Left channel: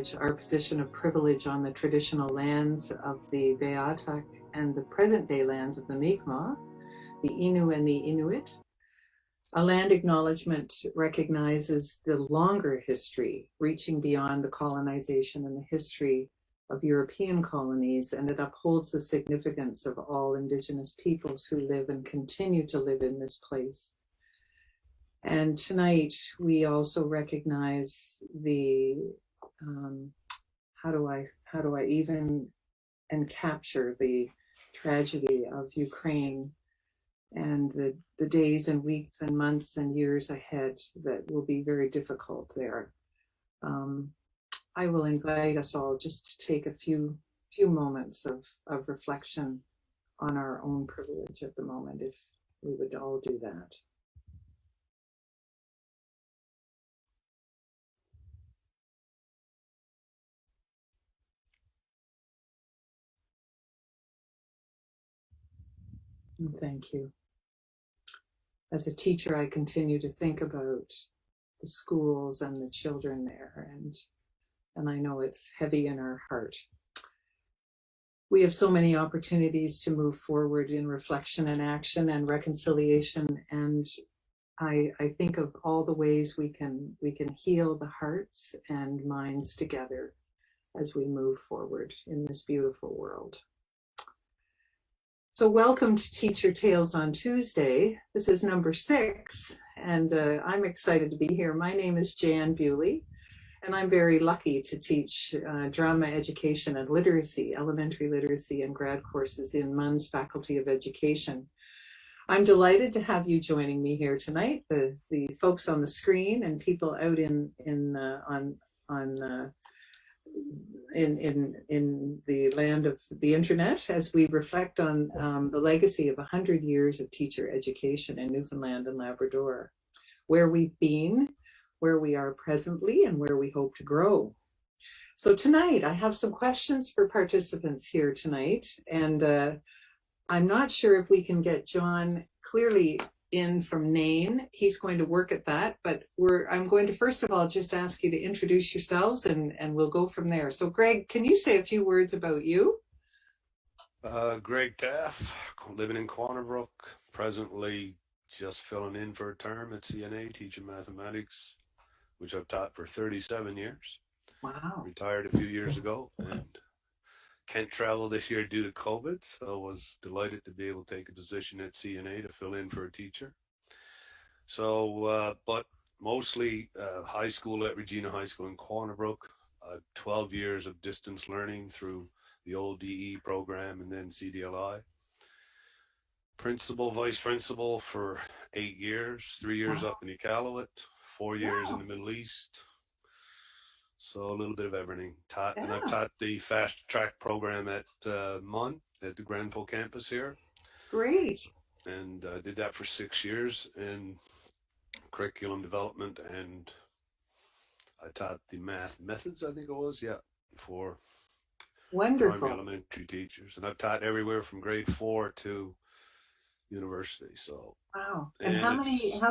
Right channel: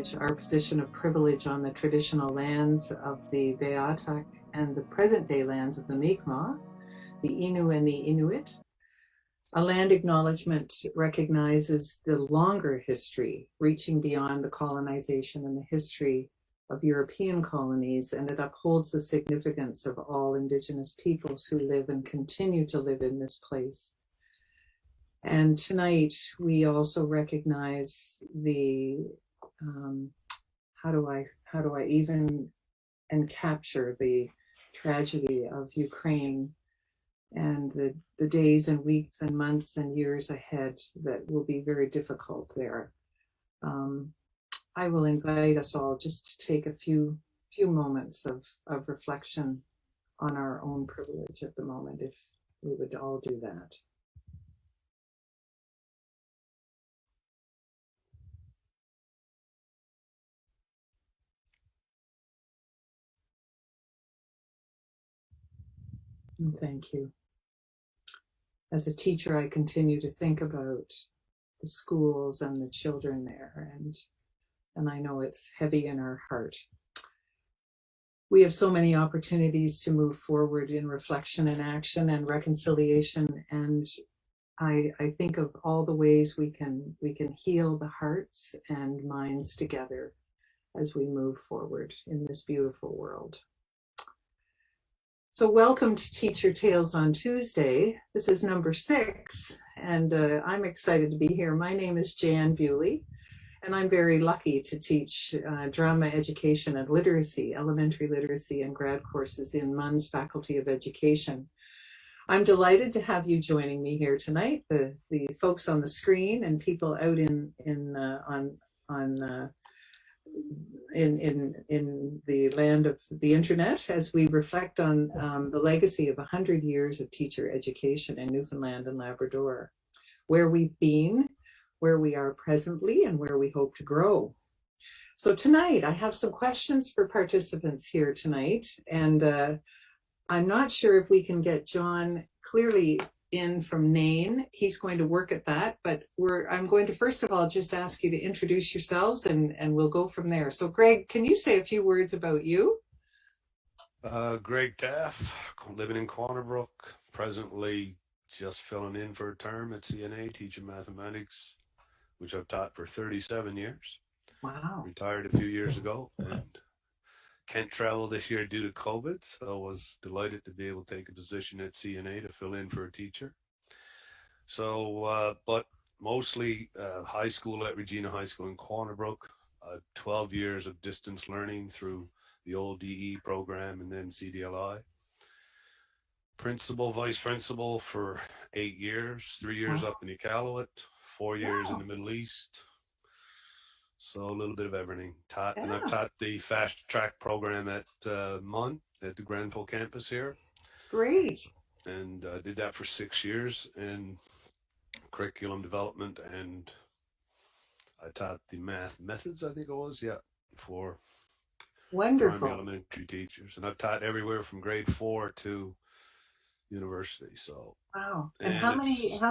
acknowledge our position of privilege on the traditional lands of the Beothuk and the present-day lands of the Mi'kmaq, the Innu and the Inuit. A land acknowledgement recognizes the longer history, reaching beyond the colonization and the history of European colonies, and it upholds the significance of all Indigenous peoples who live and continue to live in this place. And tonight, we also recognize the, how do I even and capture the tragedy of Ukraine and the days and weeks and months and years ahead that will be very difficult there. I will invite us all just to take a few moments of reflection on our own privilege at the moment, if we would all do that. And thank you. As a teacher, I continue to think about the schools and the children there, and I know it's heavy in our heart. We have so many opportunities to move forward in reflection and action and reconciliation, and I think of all the ways we can heal the hearts and minds together as we move forward in this beautiful world. So welcome to Teacher Tales on Tuesday. This is number 6, and I'm excited to be here. My name is Jan Bewley, and I'm very lucky to teach drama education and literacy, elementary literacy and grad courses in MUN's Faculty of Education. I'm delighted to have you joining me here tonight, the folks on the screen and people out in the land of the internet, as we reflect on the legacy of 100 years of teacher education in Newfoundland and Labrador, where we've been, where we are presently, and where we hope to grow. So tonight, I have some questions for participants here tonight, and I'm not sure if we can get John clearly in from Nain. He's going to work at that, but I'm going to first of all just ask you to introduce yourselves, and we'll go from there. So Greg, can you say a few words about you? Greg Taff, living in Quantabrook, presently just filling in for a term at CNA, teaching mathematics, which I've taught for 37 years. Wow. Retired a few years ago and can't travel this year due to COVID, so I was delighted to be able to take a position at CNA to fill in for a teacher. So, but mostly high school at Regina High School in Quantabrook, 12 years of distance learning through the old DE program and then CDLI. Principal, vice principal for 8 years, 3 years up in Iqaluit, 4 years in the Middle East. So a little bit of everything. And I've taught the fast track program at MUN, at the Granville campus here. Great. And did that for 6 years in curriculum development, and I taught the math methods, I think it was, for wonderful primary elementary teachers. And I've taught everywhere from grade 4 to university. So wow. And how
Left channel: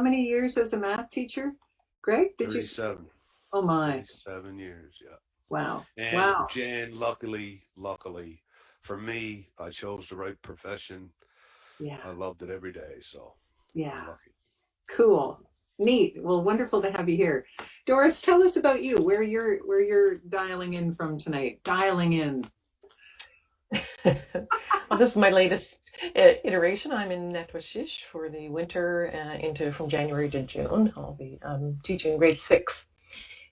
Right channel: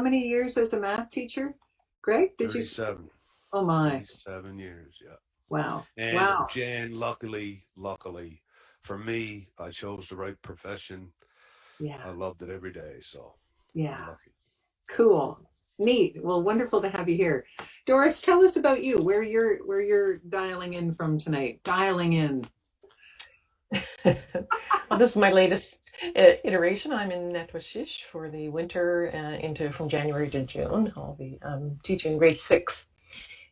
many years as a math teacher, Greg? Did 37. you? Oh my. 7 years, yeah. Wow. And wow. Jan, luckily for me, I chose the right profession. Yeah. I loved it every day, so yeah. I'm lucky. Cool. Neat. Well, wonderful to have you here. Doris, tell us about you, where you're dialing in from tonight. Dialing in. Well, this is my latest iteration. I'm in Netwashish for the winter from January to June. I'll be teaching grade 6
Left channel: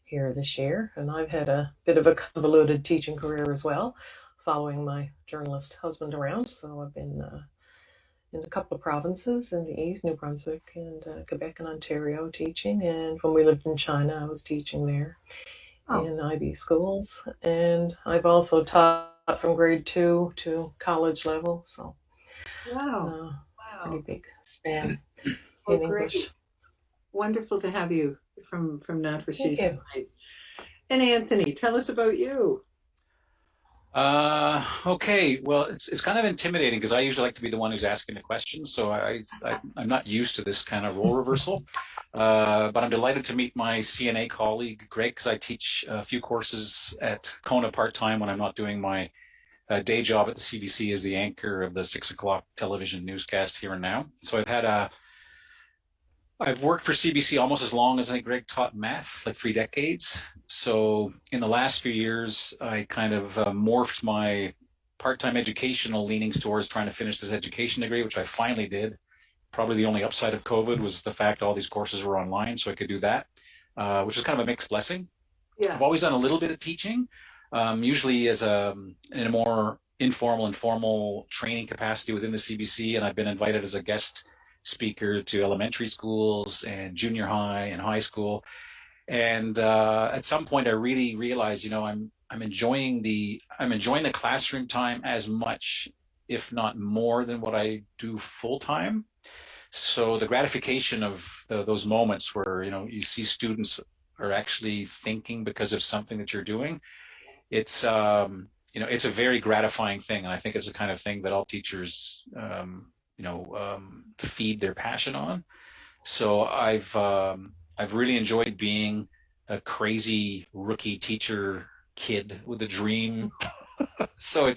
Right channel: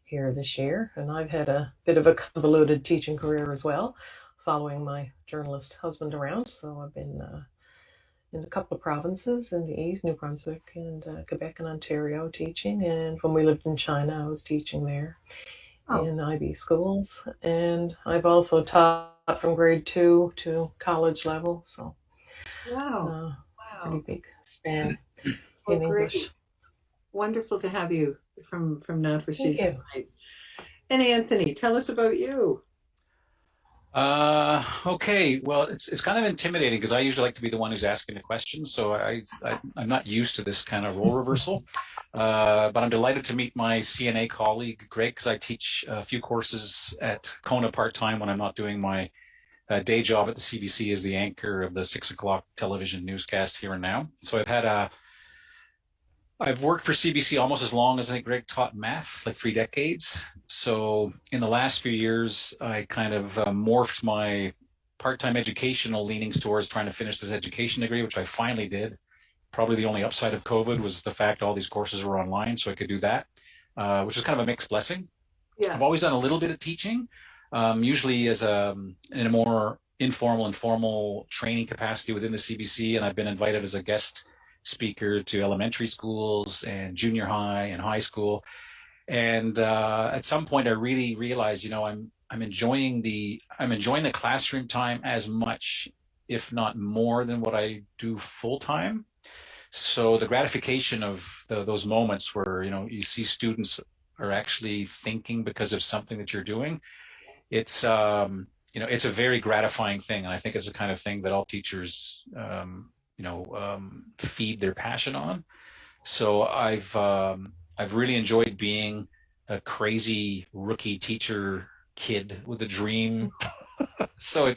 here this year, and I've had a bit of a convoluted teaching career as well, following my journalist husband around. So I've been in a couple of provinces in the east, New Brunswick and Quebec and Ontario teaching, and when we lived in China, I was teaching there in IB schools, and I've also taught from grade 2 to college level, so pretty big span in English. Great. Wonderful to have you from Natwashish tonight. And Anthony, tell us about you. Okay, well, it's kind of intimidating because I usually like to be the one who's asking the questions, so I'm not used to this kind of role reversal. But I'm delighted to meet my CNA colleague, Greg, because I teach a few courses at Kona part-time when I'm not doing my day job at the CBC as the anchor of the 6 o'clock television newscast Here and Now. So I've worked for CBC almost as long as I think Greg taught math, like 3 decades. So in the last few years, I kind of morphed my part-time educational leanings towards trying to finish this education degree, which I finally did. Probably the only upside of COVID was the fact all these courses were online, so I could do that, which is kind of a mixed blessing. Yeah. I've always done a little bit of teaching, usually as in a more informal and formal training capacity within the CBC, and I've been invited as a guest speaker to elementary schools and junior high and high school. And at some point, I really realized, I'm enjoying the classroom time as much, if not more, than what I do full time. So the gratification of those moments where you see students are actually thinking because of something that you're doing, it's it's a very gratifying thing, and I think it's the kind of thing that all teachers feed their passion on. So I've really enjoyed being a crazy rookie teacher kid with a dream. So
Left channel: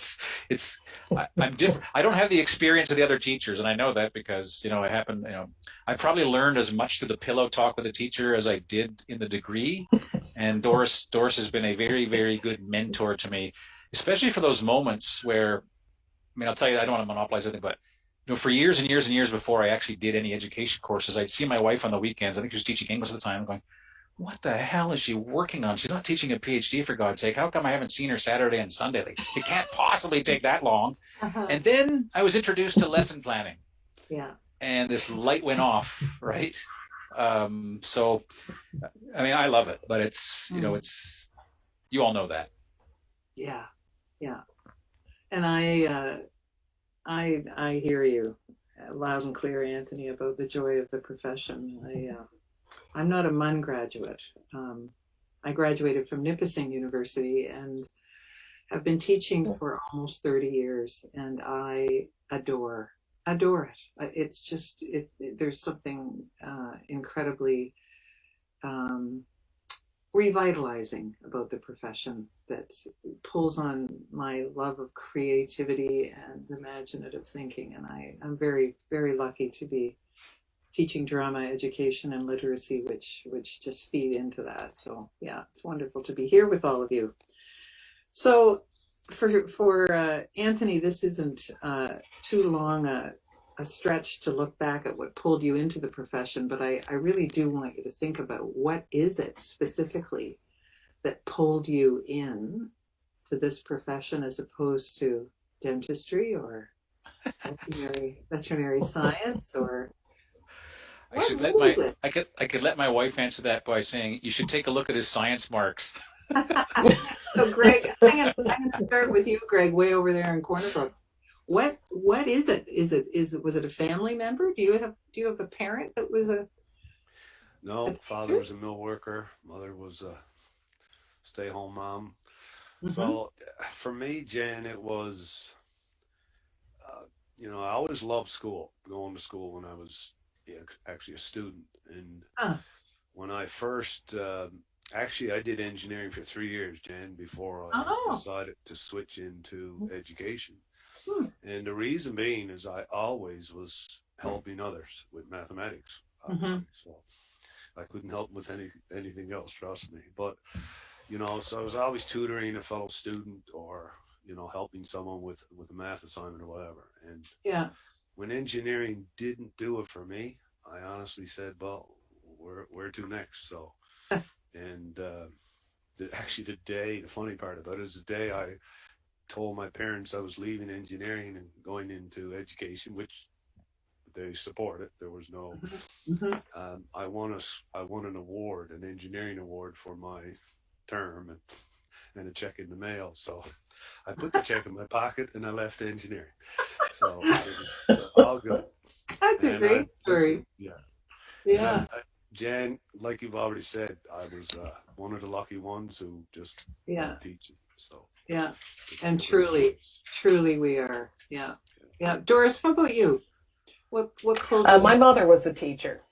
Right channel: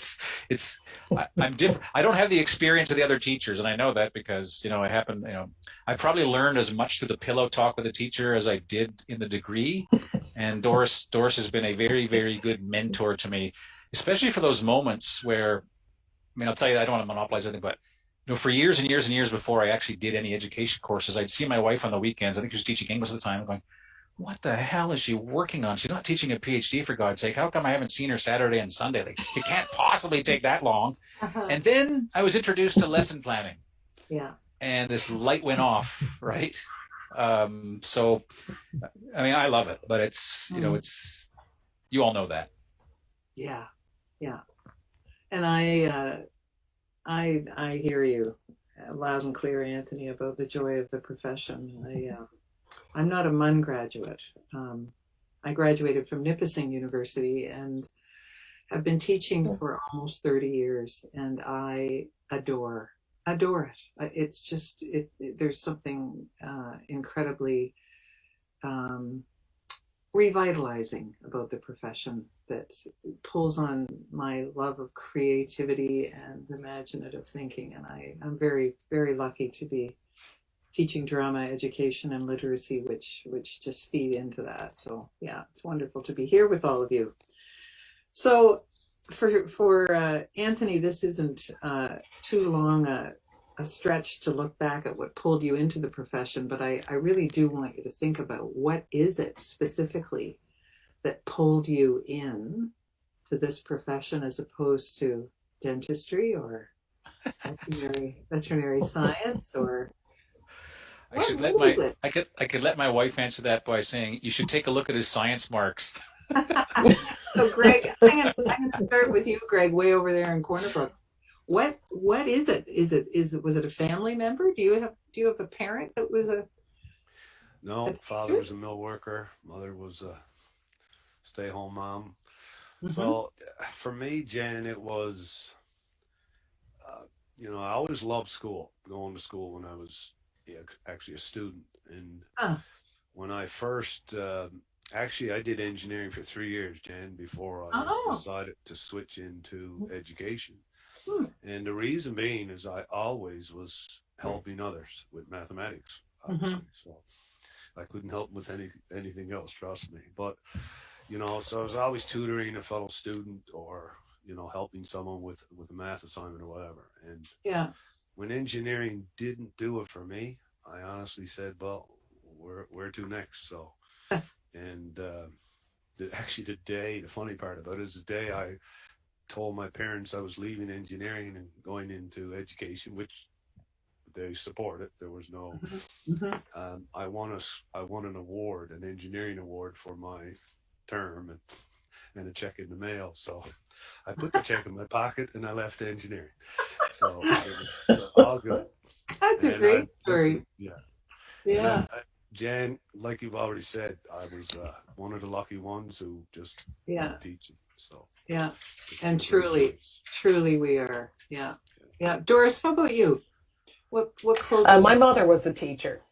I'm different. I don't have the experience of the other teachers, and I know that because I probably learned as much through the pillow talk with the teacher as I did in the degree. And Doris has been a very, very good mentor to me, especially for those moments where, I'll tell you, I don't want to monopolize anything, but for years and years and years before I actually did any education courses, I'd see my wife on the weekends. I think she was teaching English at the time. I'm going, what the hell is she working on? She's not teaching a PhD, for God's sake. How come I haven't seen her Saturday and Sunday? Like, it can't possibly take that long. And then I was introduced to lesson planning. Yeah. And this light went off, right? So, I love it, but it's, it's, you all know that. Yeah. Yeah. And I hear you loud and clear, Anthony, about the joy of the profession. I'm not a MUN graduate. I graduated from Nipissing University and have been teaching for almost 30 years, and I adore it. It's just, there's something incredibly revitalizing about the profession that pulls on my love of creativity and imaginative thinking. And I'm very, very lucky to be teaching drama, education, and literacy, which just feed into that. So yeah, it's wonderful to be here with all of you. So for Anthony, this isn't too long a stretch to look back at what pulled you into the profession, but I really do want you to think about what is it specifically that pulled you in to this profession as opposed to dentistry or veterinary science, or I could let my wife answer that by saying you should take a look at his science marks. So Greg, I'm gonna start with you, Greg, way over there in Corner Brook. What is it? Was it a family member? Do you have a parent that was a father was a mill worker, mother was a stay-home mom. So for me, Jen, it was I always loved school, going to school when I was actually a student. And when I first actually I did engineering for 3 years, Jen, before I decided to switch into education. And the reason being is I always was helping others with mathematics, obviously. So I couldn't help them with anything else, trust me. But, so I was always tutoring a fellow student or, helping someone with a math assignment or whatever. And when engineering didn't do it for me, I honestly said, well, where to next? So, and the funny part about it is the day I told my parents I was leaving engineering and going into education, which they supported. There was no. I won an award, an engineering award for my term, and a check in the mail. So I put the check in my pocket and I left engineering. So it was all good. That's a great story. Yeah. Jan, like you've already said, I was one of the lucky ones who just loved teaching. So yeah, and truly we are. Yeah. Doris, how about you? What pulled you? My mother was a teacher,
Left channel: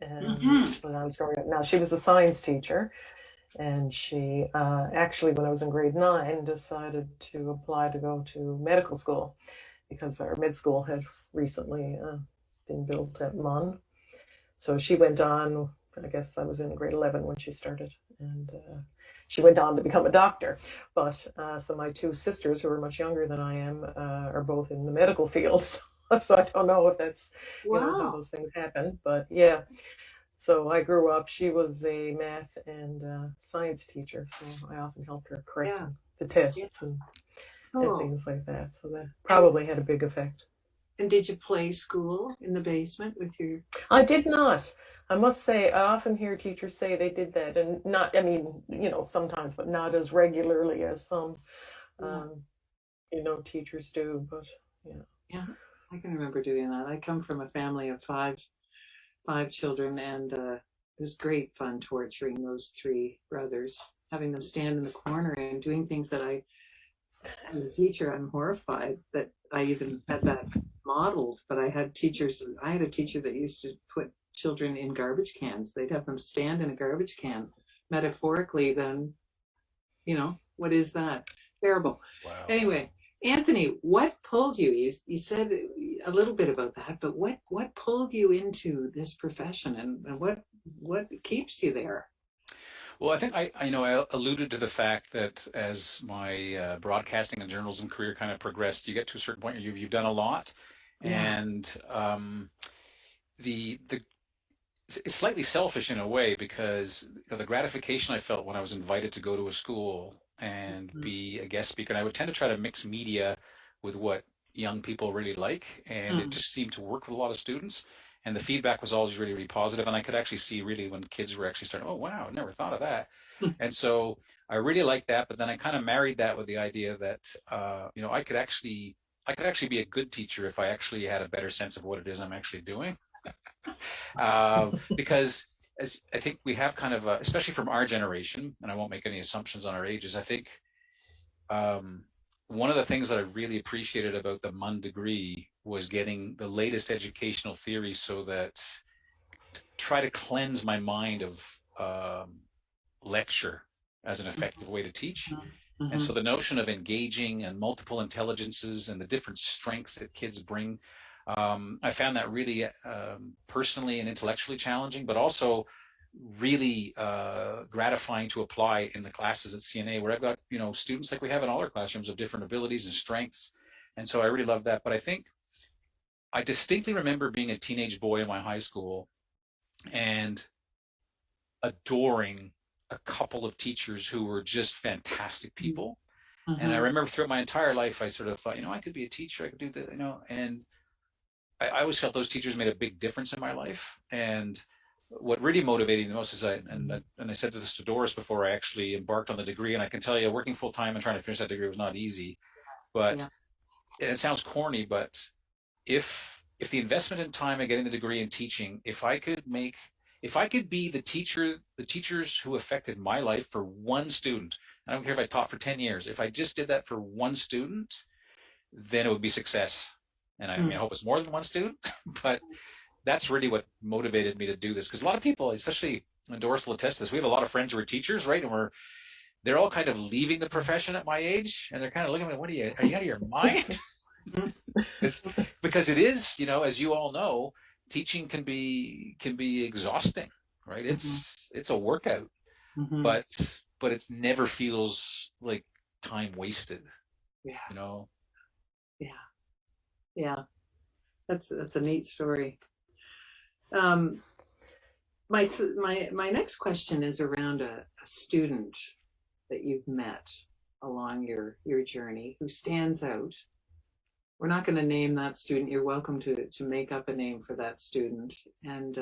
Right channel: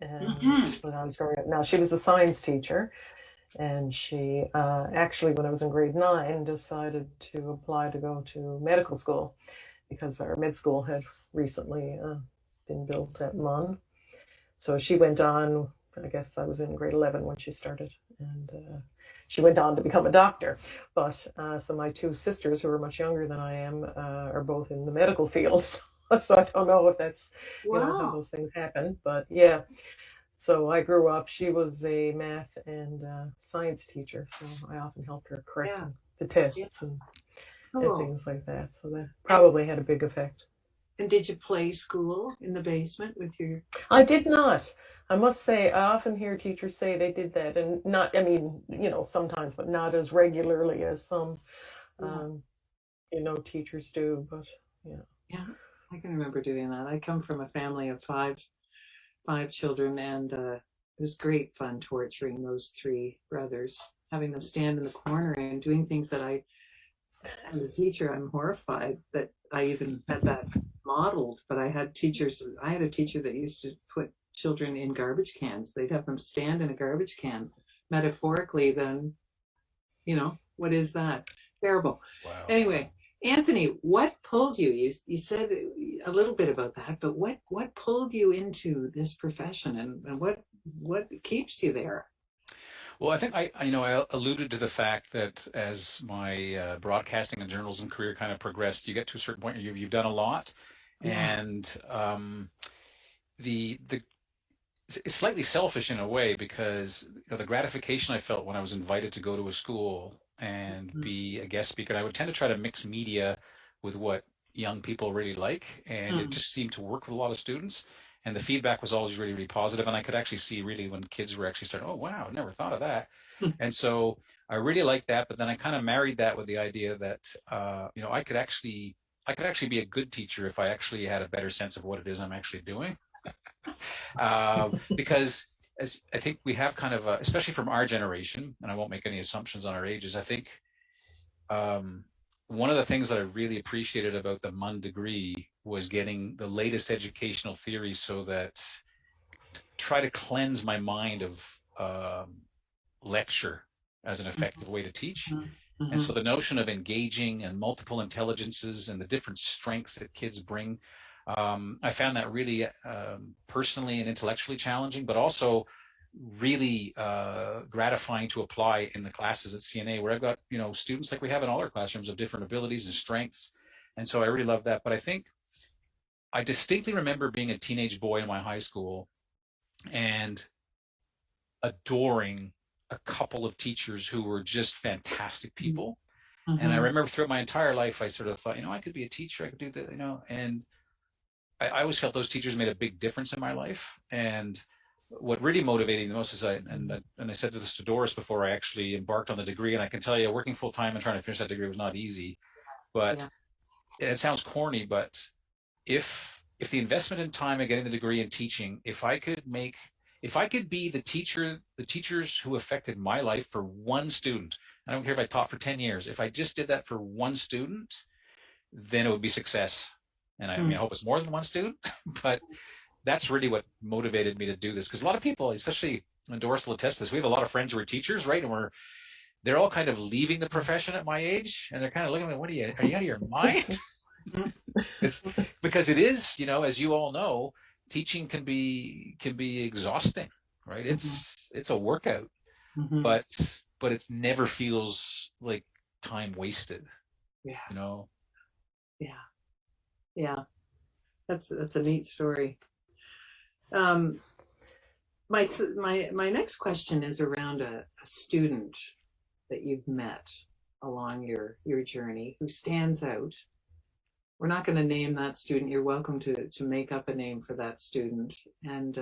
when I was growing up. Now, she was a science teacher, and she actually, when I was in grade 9, decided to apply to go to medical school because our med school had recently been built at MUN. So she went on, I guess I was in grade 11 when she started, and she went on to become a doctor. But so my two sisters, who are much younger than I am, are both in the medical field. So I don't know if that's, you know, how those things happen. But yeah, so I grew up, she was a math and science teacher, so I often helped her correct the tests and things like that. So that probably had a big effect. And did you play school in the basement with your... I did not. I must say, I often hear teachers say they did that, and not, I mean, you know, sometimes, but not as regularly as some, you know, teachers do, but yeah. Yeah, I can remember doing that. I come from a family of five children, and it was great fun torturing those 3 brothers, having them stand in the corner and doing things that I, as a teacher, I'm horrified that I even had that modeled. But I had a teacher that used to put children in garbage cans. They'd have them stand in a garbage can. Metaphorically, then, you know, what is that? Terrible. Wow. Anyway, Anthony, what pulled you? You said a little bit about that, but what pulled you into this profession, and what keeps you there? Well, I think I alluded to the fact that as my broadcasting and journalism career kind of progressed, you get to a certain point where you've done a lot, and it's slightly selfish in a way, because the gratification I felt when I was invited to go to a school and be a guest speaker, and I would tend to try to mix media with what young people really like, and it just seemed to work with a lot of students. And the feedback was always really, really positive. And I could actually see really when kids were actually starting, oh, wow, I never thought of that. And so I really liked that. But then I kind of married that with the idea that, you know, I could actually be a good teacher if I actually had a better sense of what it is I'm actually doing. Because as I think we have kind of, especially from our generation, and I won't make any assumptions on our ages, I think one of the things that I really appreciated about the MUN degree was getting the latest educational theory, so that try to cleanse my mind of lecture as an effective way to teach. And so the notion of engaging and multiple intelligences and the different strengths that kids bring, I found that really personally and intellectually challenging, but also really gratifying to apply in the classes at CNA, where I've got, you know, students like we have in all our classrooms of different abilities and strengths. And so I really love that. But I think I distinctly remember being a teenage boy in my high school and adoring a couple of teachers who were just fantastic people. And I remember throughout my entire life, I sort of thought, you know, I could be a teacher, I could do that, you know, and I always felt those teachers made a big difference in my life. And what really motivated me the most is I said this to Doris before I actually embarked on the degree, and I can tell you, working full time and trying to finish that degree was not easy. But it sounds corny, but if the investment in time and getting the degree in teaching, if I could be the teachers who affected my life for one student, I don't care if I taught for 10 years, if I just did that for one student, then it would be success. And I mean, I hope it's more than one student, but that's really what motivated me to do this. Because a lot of people, especially when Doris will attest to this, we have a lot of friends who are teachers, right? And they're all kind of leaving the profession at my age, and they're kind of looking at me, are you out of your mind? Because it is, you know, as you all know, teaching can be exhausting, right? It's a workout, but it never feels like time wasted. You know. Yeah, that's a neat story. My next question is around a student that you've met along your journey who stands out. We're not going to name that student. You're welcome to make up a name for that student. And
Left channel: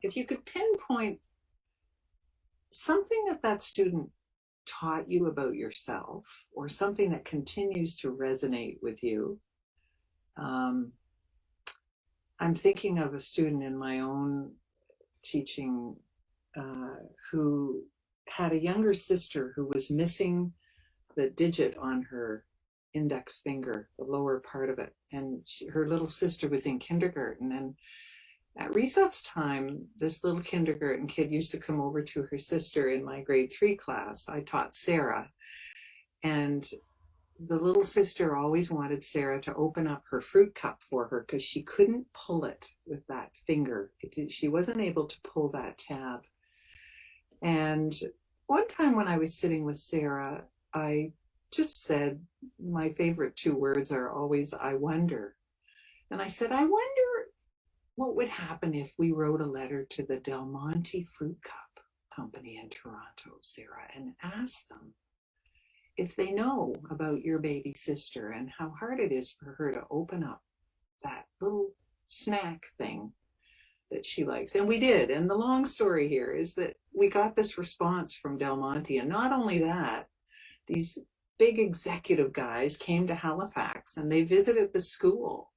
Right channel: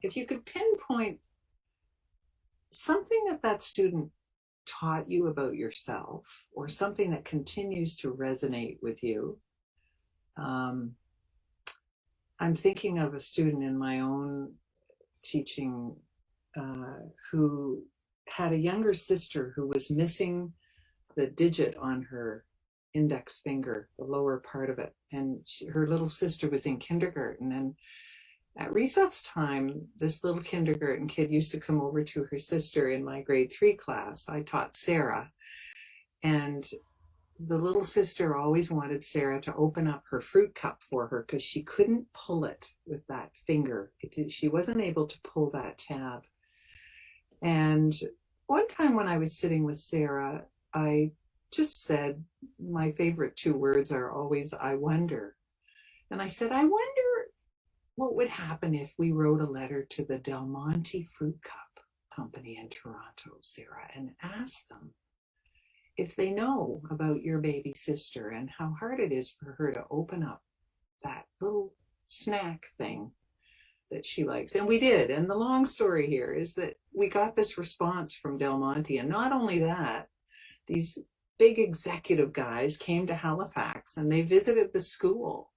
if you could pinpoint something that student taught you about yourself, or something that continues to resonate with you. I'm thinking of a student in my own teaching who had a younger sister who was missing the digit on her index finger, the lower part of it. And her little sister was in kindergarten, and At recess time, this little kindergarten kid used to come over to her sister in my grade 3 class. I taught Sarah, and the little sister always wanted Sarah to open up her fruit cup for her because she couldn't pull it with that finger. She wasn't able to pull that tab. And one time when I was sitting with Sarah, I just said, my favorite 2 words are always, I wonder. And I said, I wonder what would happen if we wrote a letter to the Del Monte Fruit Cup Company in Toronto, Sarah, and asked them if they know about your baby sister and how hard it is for her to open up that little snack thing that she likes. And we did. And the long story here is that we got this response from Del Monte. And not only that, these big executive guys came to Halifax and they visited the school.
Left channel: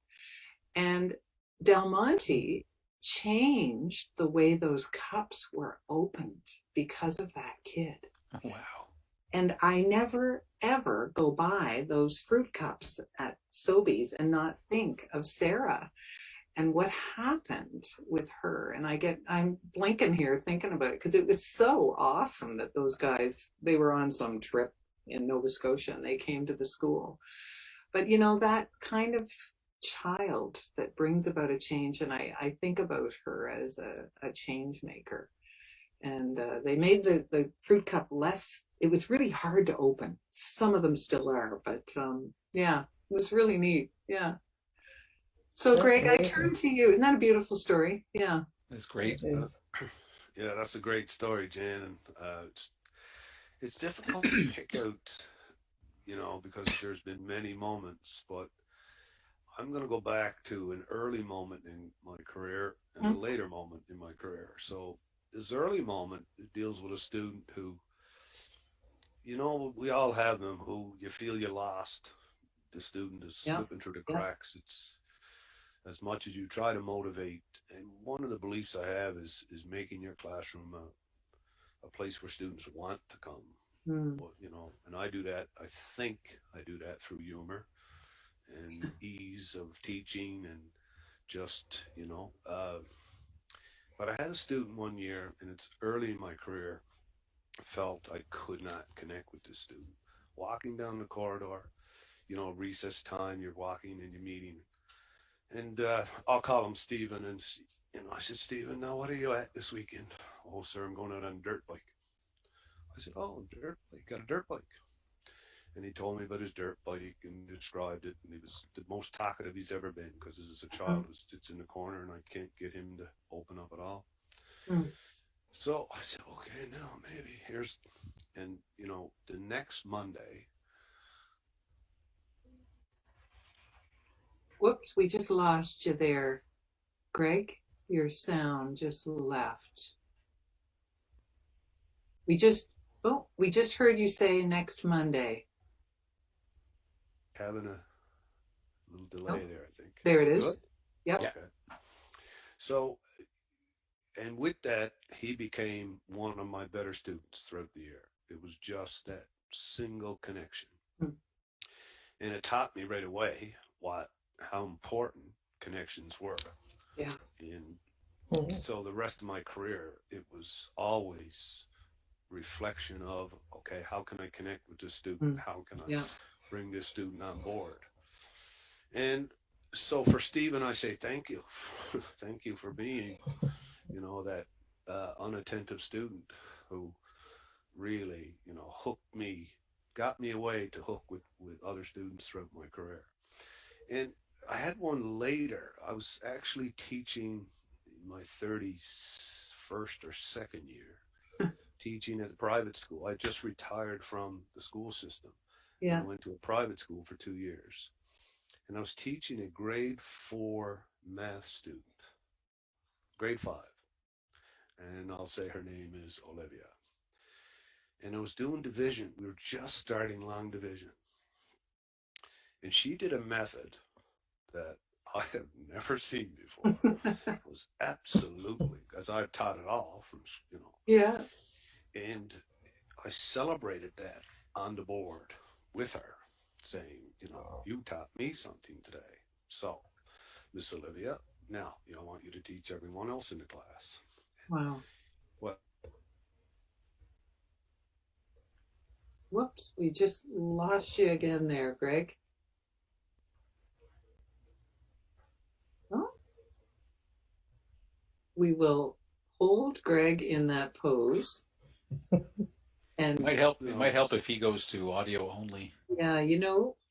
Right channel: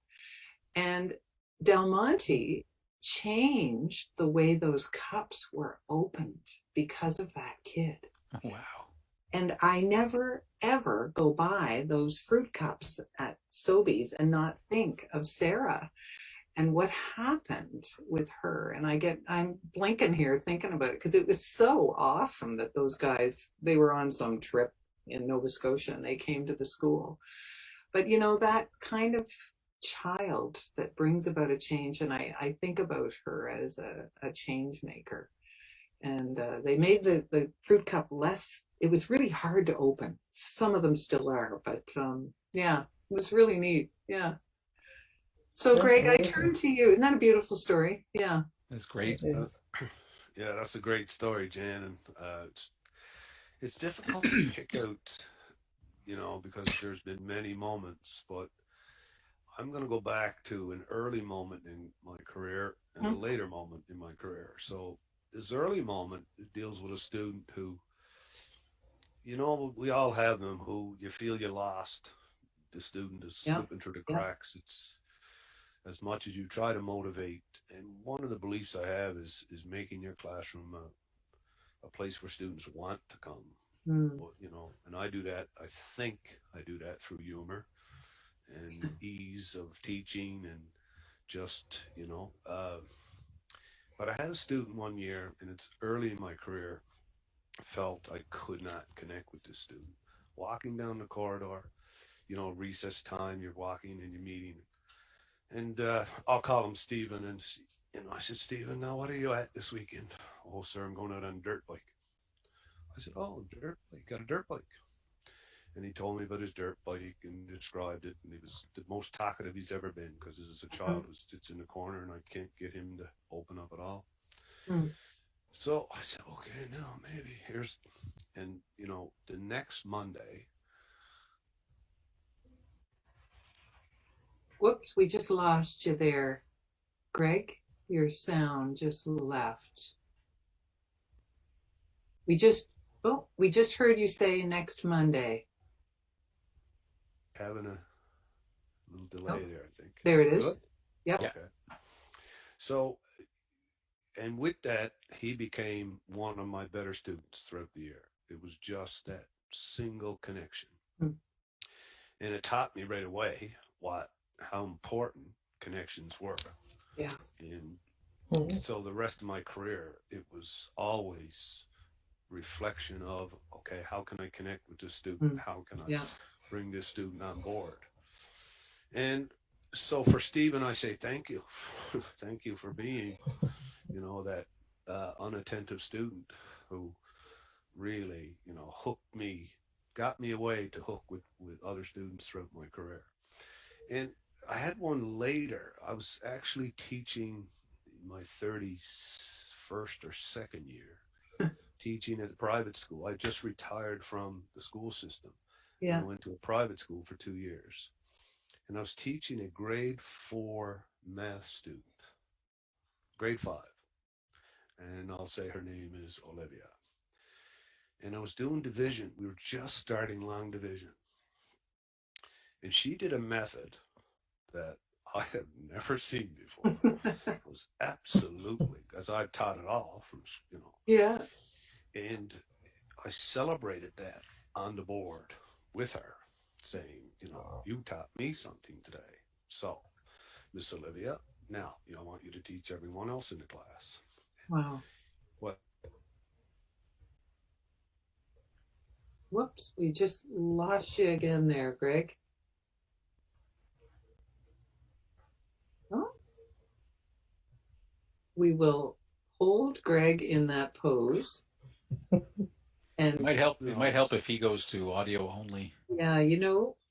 And Del Monte changed the way those cups were opened because of that kid. Wow. And I never, ever go by those fruit cups at Sobeys and not think of Sarah and what happened with her. And I'm blinking here thinking about it because it was so awesome that those guys, they were on some trip in Nova Scotia and they came to the school. But that kind of child that brings about a change, and I think about her as a change maker. And they made the fruit cup less, it was really hard to open. Some of them still are, but yeah, it was really neat. Yeah. So That's Greg, I amazing. turn to you. Isn't that a beautiful story? Yeah. That's great. It is. Yeah, that's a great story, Jan. And it's difficult to pick out, because there's been many moments, but I'm going to go back to an early moment in my career and a later moment in my career. So this early moment, it deals with a student who, we all have them who you feel you lost. The student is slipping through the cracks. It's as much as you try to motivate. And one of the beliefs I have is making your classroom a place where students want to come. Well, and I do that. I think I do that through humor and ease of teaching and just, but I had a student one year, and it's early in my career, felt I could not connect with this student. Walking down the corridor, recess time, you're walking and you're meeting. And I'll call him Stephen. And, I said, Stephen, now what are you at this weekend? Oh, sir, I'm going out on a dirt bike. I said, oh, dirt bike, got a dirt bike. And he told me about his dirt bike and described it. And he was the most talkative he's ever been because as a child who sits in the corner and I can't get him to open up at all. So I said, okay, now maybe and the next Monday. Whoops, we just lost you there. Greg, your sound just left. We just heard you say next Monday. Having a little delay there, I think. There it is. Good? Yep. Okay. So, and with that, he became one of my better students throughout the year. It was just that single connection. And it taught me right away how important connections were. Yeah. And so the rest of my career, it was always reflection of, okay, how can I connect with this student? How can I bring this student on board? And so for Stephen, I say, thank you. Thank you for being, that unattentive student who really, hooked me, got me away to hook with other students throughout my career. And I had one later. I was actually teaching my 31st or second year, teaching at a private school. I just retired from the school system. Yeah. And I went to a private school for 2 years. And I was teaching a grade 4 math student, grade 5. And I'll say her name is Olivia. And I was doing division. We were just starting long division. And she did a method that I have never seen before. It was absolutely, because I've taught it all from, Yeah. And I celebrated that on the board with her, saying, you taught me something today. So, Miss Olivia, now, I want you to teach everyone else in the class. Wow. What? Whoops, we just lost you again there, Greg. Oh. We will hold Greg in that pose. And It might help if he goes to audio only. yeah,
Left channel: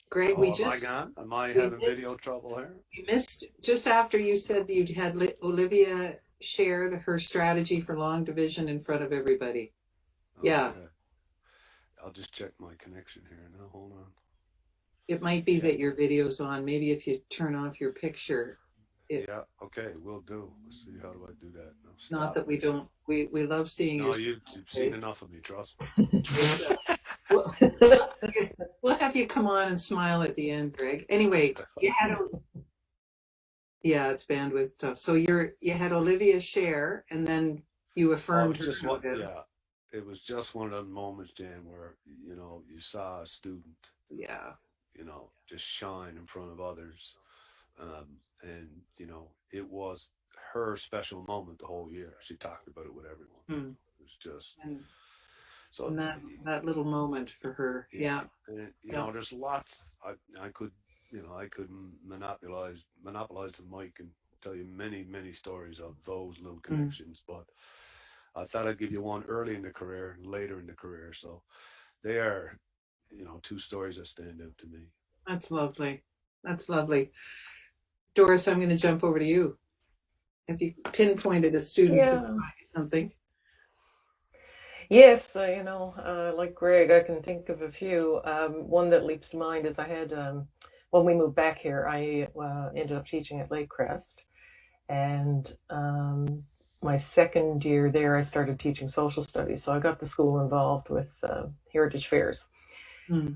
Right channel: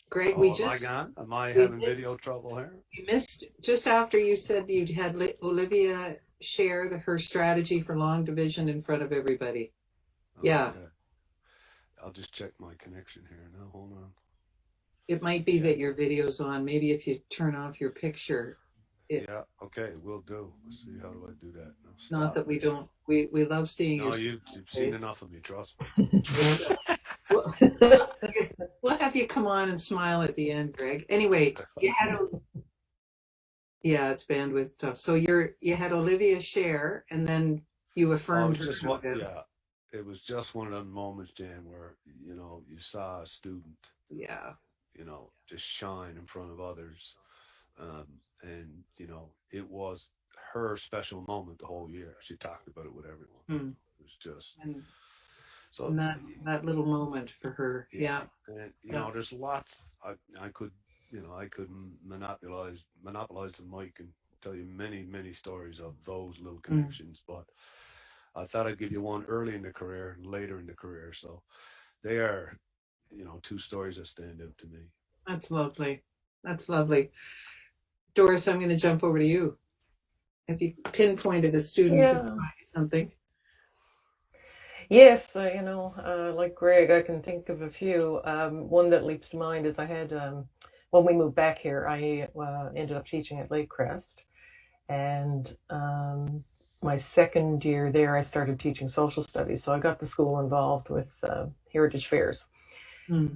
Greg, Am I having video trouble here? We missed just after you said that you had Olivia share her strategy for long division in front of everybody. Yeah. Okay. I'll just check my connection here now. Hold on. It might be that your video's on. Maybe if you turn off your picture. Yeah, okay, will do. Let's see, how do I do that? No, not that we don't, we love seeing you. No, you've seen enough of me, trust me. We'll have you come on and smile at the end, Greg. Anyway, yeah, it's bandwidth stuff. So you had Olivia share, and then you affirmed her. Yeah, it was just one of those moments, Jan, where you saw a student, just shine in front of others, and it was her special moment the whole year. She talked about it with everyone. It was just and that little moment for her. Yeah. And there's lots. I could monopolize the mic and tell you many stories of those little connections, but I thought I'd give you one early in the career and later in the career. So they are, two stories that stand out to me. That's lovely. That's lovely. Doris, I'm going to jump over to you. If you pinpointed a student something. Yes, like Greg, I can think of a few. One that leaps to mind is I had, when we moved back here, I ended up teaching at Lake Crest. And my second year there, I started teaching social studies. So I got the school involved with heritage fairs.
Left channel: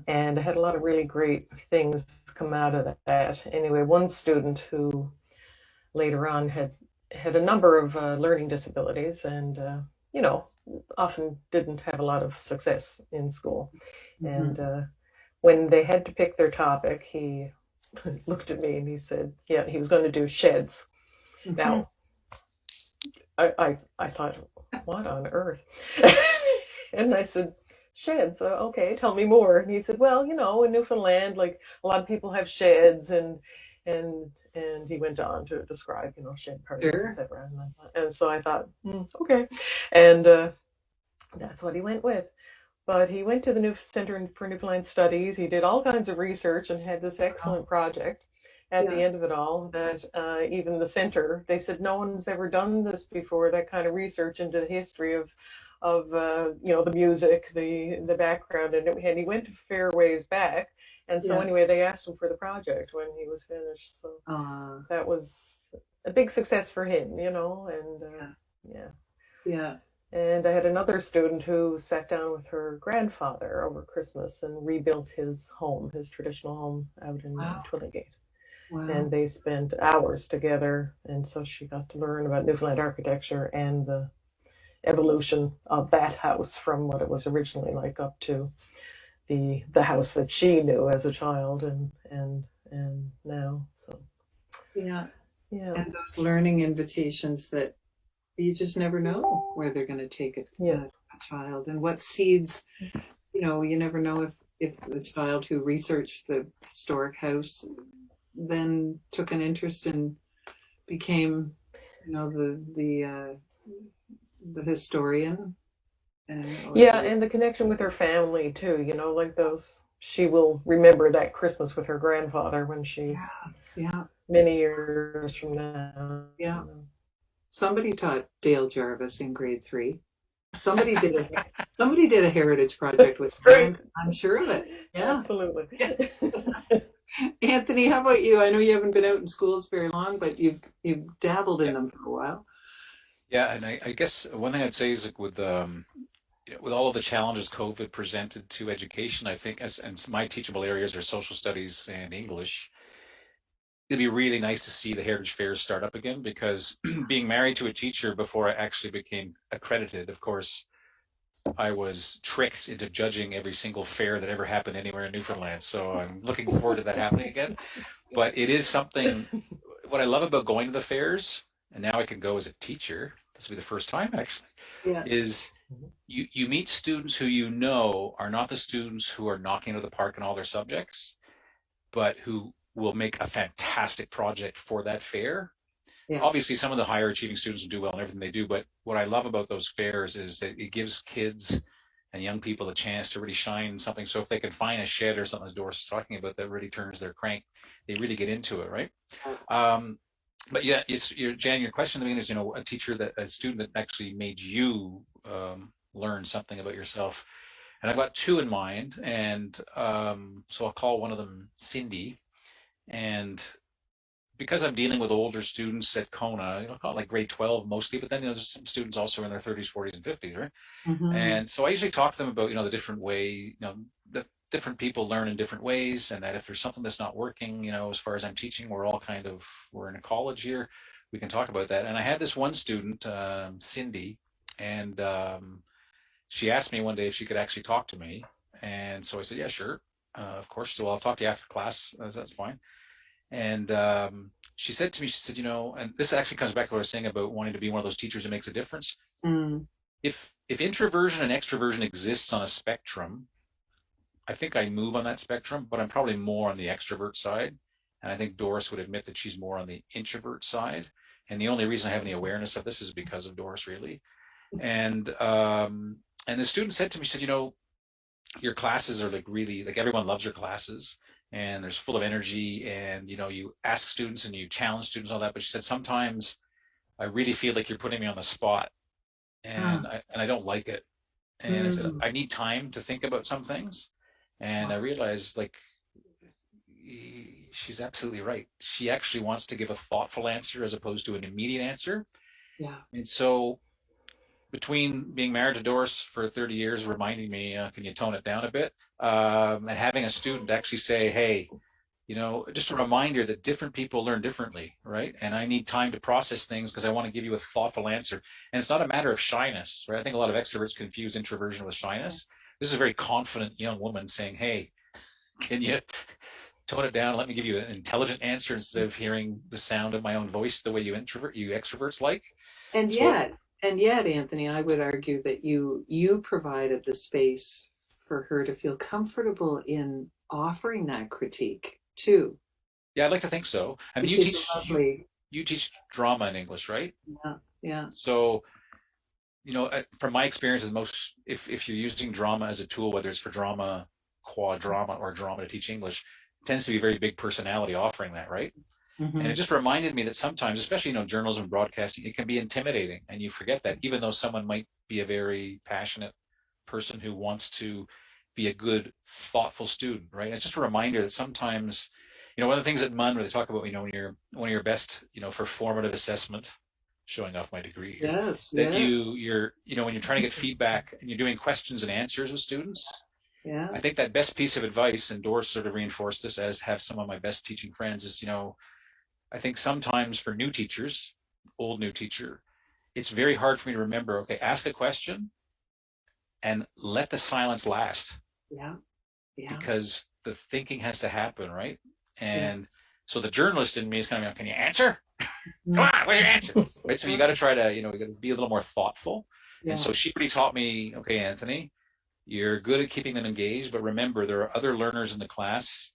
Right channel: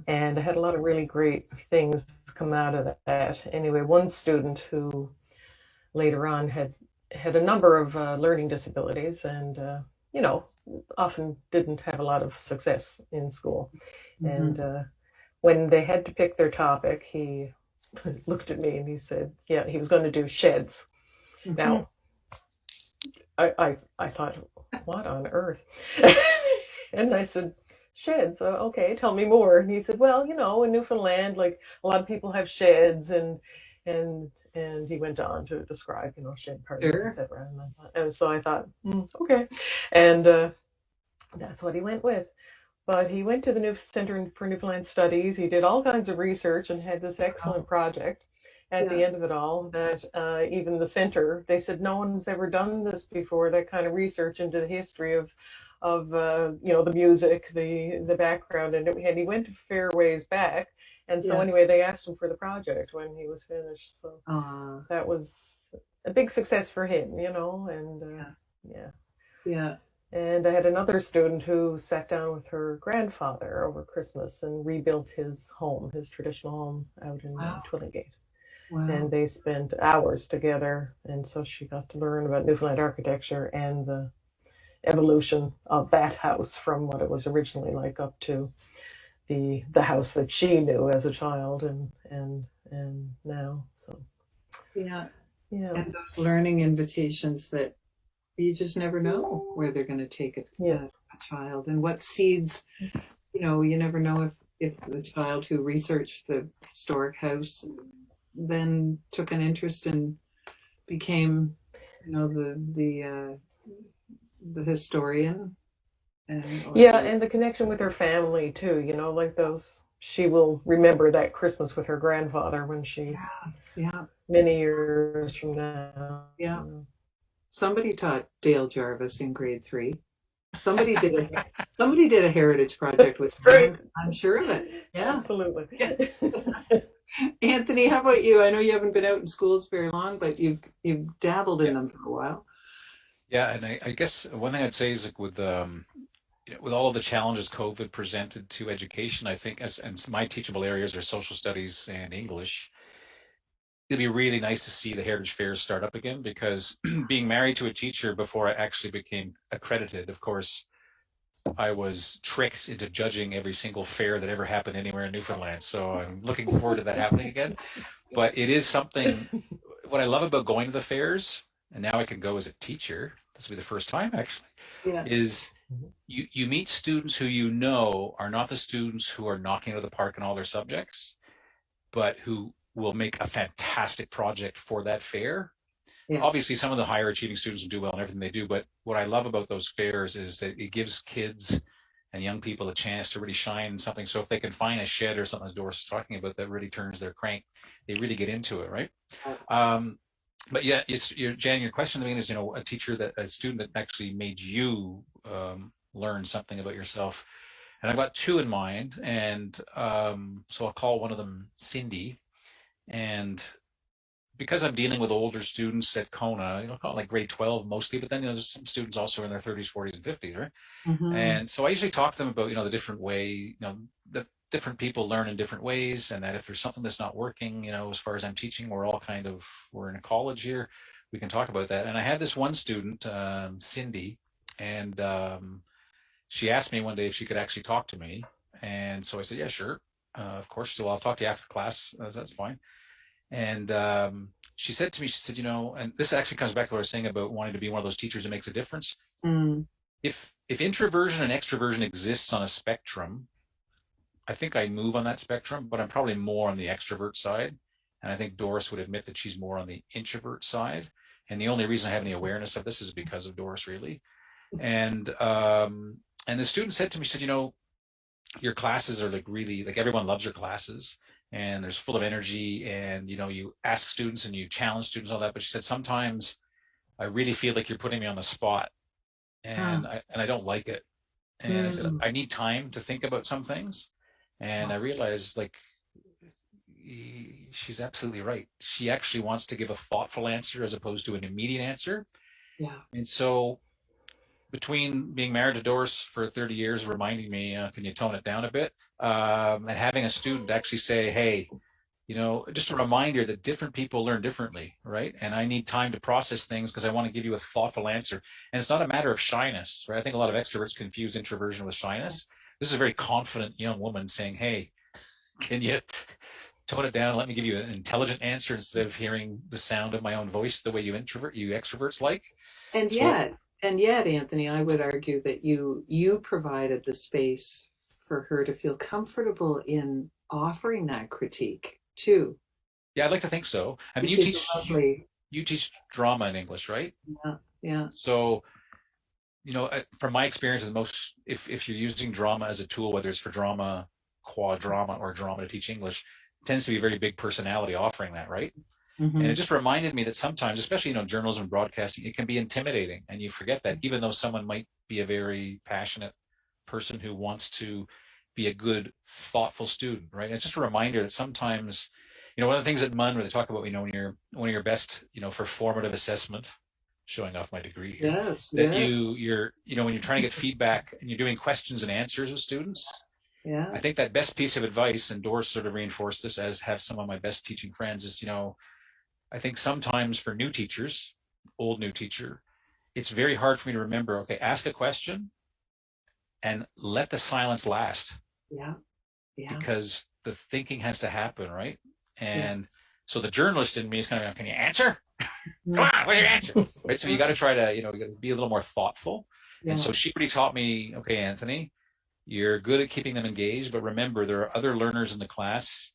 And I had a lot of really great things come out of that. Anyway, one student who later on had a number of learning disabilities and, often didn't have a lot of success in school. And when they had to pick their topic, he looked at me and he said, yeah, he was going to do sheds. Now, I thought, what on earth? And I said, sheds, okay, tell me more. And he said, well, in Newfoundland, like a lot of people have sheds, and he went on to describe, shed parties, etc. And so I thought, okay, and that's what he went with. But he went to the New Center for Newfoundland Studies. He did all kinds of research and had this excellent project. At the end of it all, that even the center, they said no one's ever done this before. That kind of research into the history of the music, the background, and he went a fair ways back. And so anyway, they asked him for the project when he was finished. So that was a big success for him, and And I had another student who sat down with her grandfather over Christmas and rebuilt his home, his traditional home out in Twillingate. Wow. And they spent hours together, and so she got to learn about Newfoundland architecture and the evolution of that house from what it was originally like up to the house that she knew as a child and now. So and those learning invitations that you just never know where they're going to take a child, and what seeds, you never know if the child who researched the historic house then took an interest and became, the historian. And and the connection with her family too, like she will remember that Christmas with her grandfather when she's many years from now. Somebody taught Dale Jarvis in grade 3. Somebody did a heritage project with him. I'm sure of it. Yeah, absolutely. Anthony, how about you? I know you haven't been out in schools very long, but you've dabbled in them for a while. Yeah, and I guess one thing I'd say is with all of the challenges COVID presented to education, I think and my teachable areas are social studies and English. It'd be really nice to see the heritage fairs start up again, because being married to a teacher before I actually became accredited, of course, I was tricked into judging every single fair that ever happened anywhere in Newfoundland. So I'm looking forward to that happening again. But it is something, what I love about going to the fairs, and now I can go as a teacher, this will be the first time actually, Yeah. is you meet students who you know are not the students who are knocking out of the park in all their subjects, but who will make a fantastic project for that fair. Yeah. Obviously, some of the higher achieving students will do well in everything they do, but what I love about those fairs is that it gives kids and young people a chance to really shine in something. So if they can find a shed or something, as Doris is talking about, that really turns their crank, they really get into it, right? But yeah, Jan, your question to me is, a student that actually made you learn something about yourself. And I've got two in mind, and so I'll call one of them Cindy. And because I'm dealing with older students at Kona, call it like grade 12 mostly, but then there's some students also in their 30s, 40s, and 50s, right? Mm-hmm. And so I usually talk to them about, the different way, that different people learn in different ways, and that if there's something that's not working, as far as I'm teaching, we're in a college here, we can talk about that. And I had this one student, Cindy, and she asked me one day if she could actually talk to me. And so I said, yeah, sure, of course. So I'll talk to you after class. That's fine. And she said to me, and this actually comes back to what I was saying about wanting to be one of those teachers that makes a difference. Mm. If introversion and extroversion exists on a spectrum, I think I move on that spectrum, but I'm probably more on the extrovert side. And I think Doris would admit that she's more on the introvert side. And the only reason I have any awareness of this is because of Doris, really. And the student said to me, your classes are really everyone loves your classes, and there's full of energy, and you ask students and you challenge students, all that. But she said, sometimes I really feel like you're putting me on the spot, and I don't like it. And I said, I need time to think about some things. And I realized, she's absolutely right. She actually wants to give a thoughtful answer as opposed to an immediate answer. Yeah. And so between being married to Doris for 30 years, reminding me, can you tone it down a bit? And having a student actually say, hey, just a reminder that different people learn differently, right? And I need time to process things because I want to give you a thoughtful answer. And it's not a matter of shyness, right? I think a lot of extroverts confuse introversion with shyness. This is a very confident young woman saying, hey, can you tone it down and let me give you an intelligent answer instead of hearing the sound of my own voice the way you extroverts like? And yet, Anthony, I would argue that you provided the space for her to feel comfortable in offering that critique too. Yeah, I'd like to think so. I mean, you teach drama in English, right? Yeah. So, from my experience with most, if you're using drama as a tool, whether it's for drama, quad drama, or drama to teach English, it tends to be a very big personality offering that, right? Mm-hmm. And it just reminded me that sometimes, especially, journalism and broadcasting, it can be intimidating. And you forget that even though someone might be a very passionate person who wants to be a good, thoughtful student, right? It's just a reminder that sometimes, one of the things at MUN where they talk about, when you're one of your best, for formative assessment, showing off my degree here, you're when you're trying to get feedback and you're doing questions and answers with students. Yeah. I think that best piece of advice, and Doris sort of reinforced this, as have some of my best teaching friends, is, I think sometimes for new teachers, old new teacher, it's very hard for me to remember, okay, ask a question and let the silence last. Yeah. Because the thinking has to happen, right? And so the journalist in me is kind of, can you answer? Come on, what's your answer? Right? So you got to try to, you got to be a little more thoughtful. Yeah. And so she really taught me, okay, Anthony, you're good at keeping them engaged, but remember, there are other learners in the class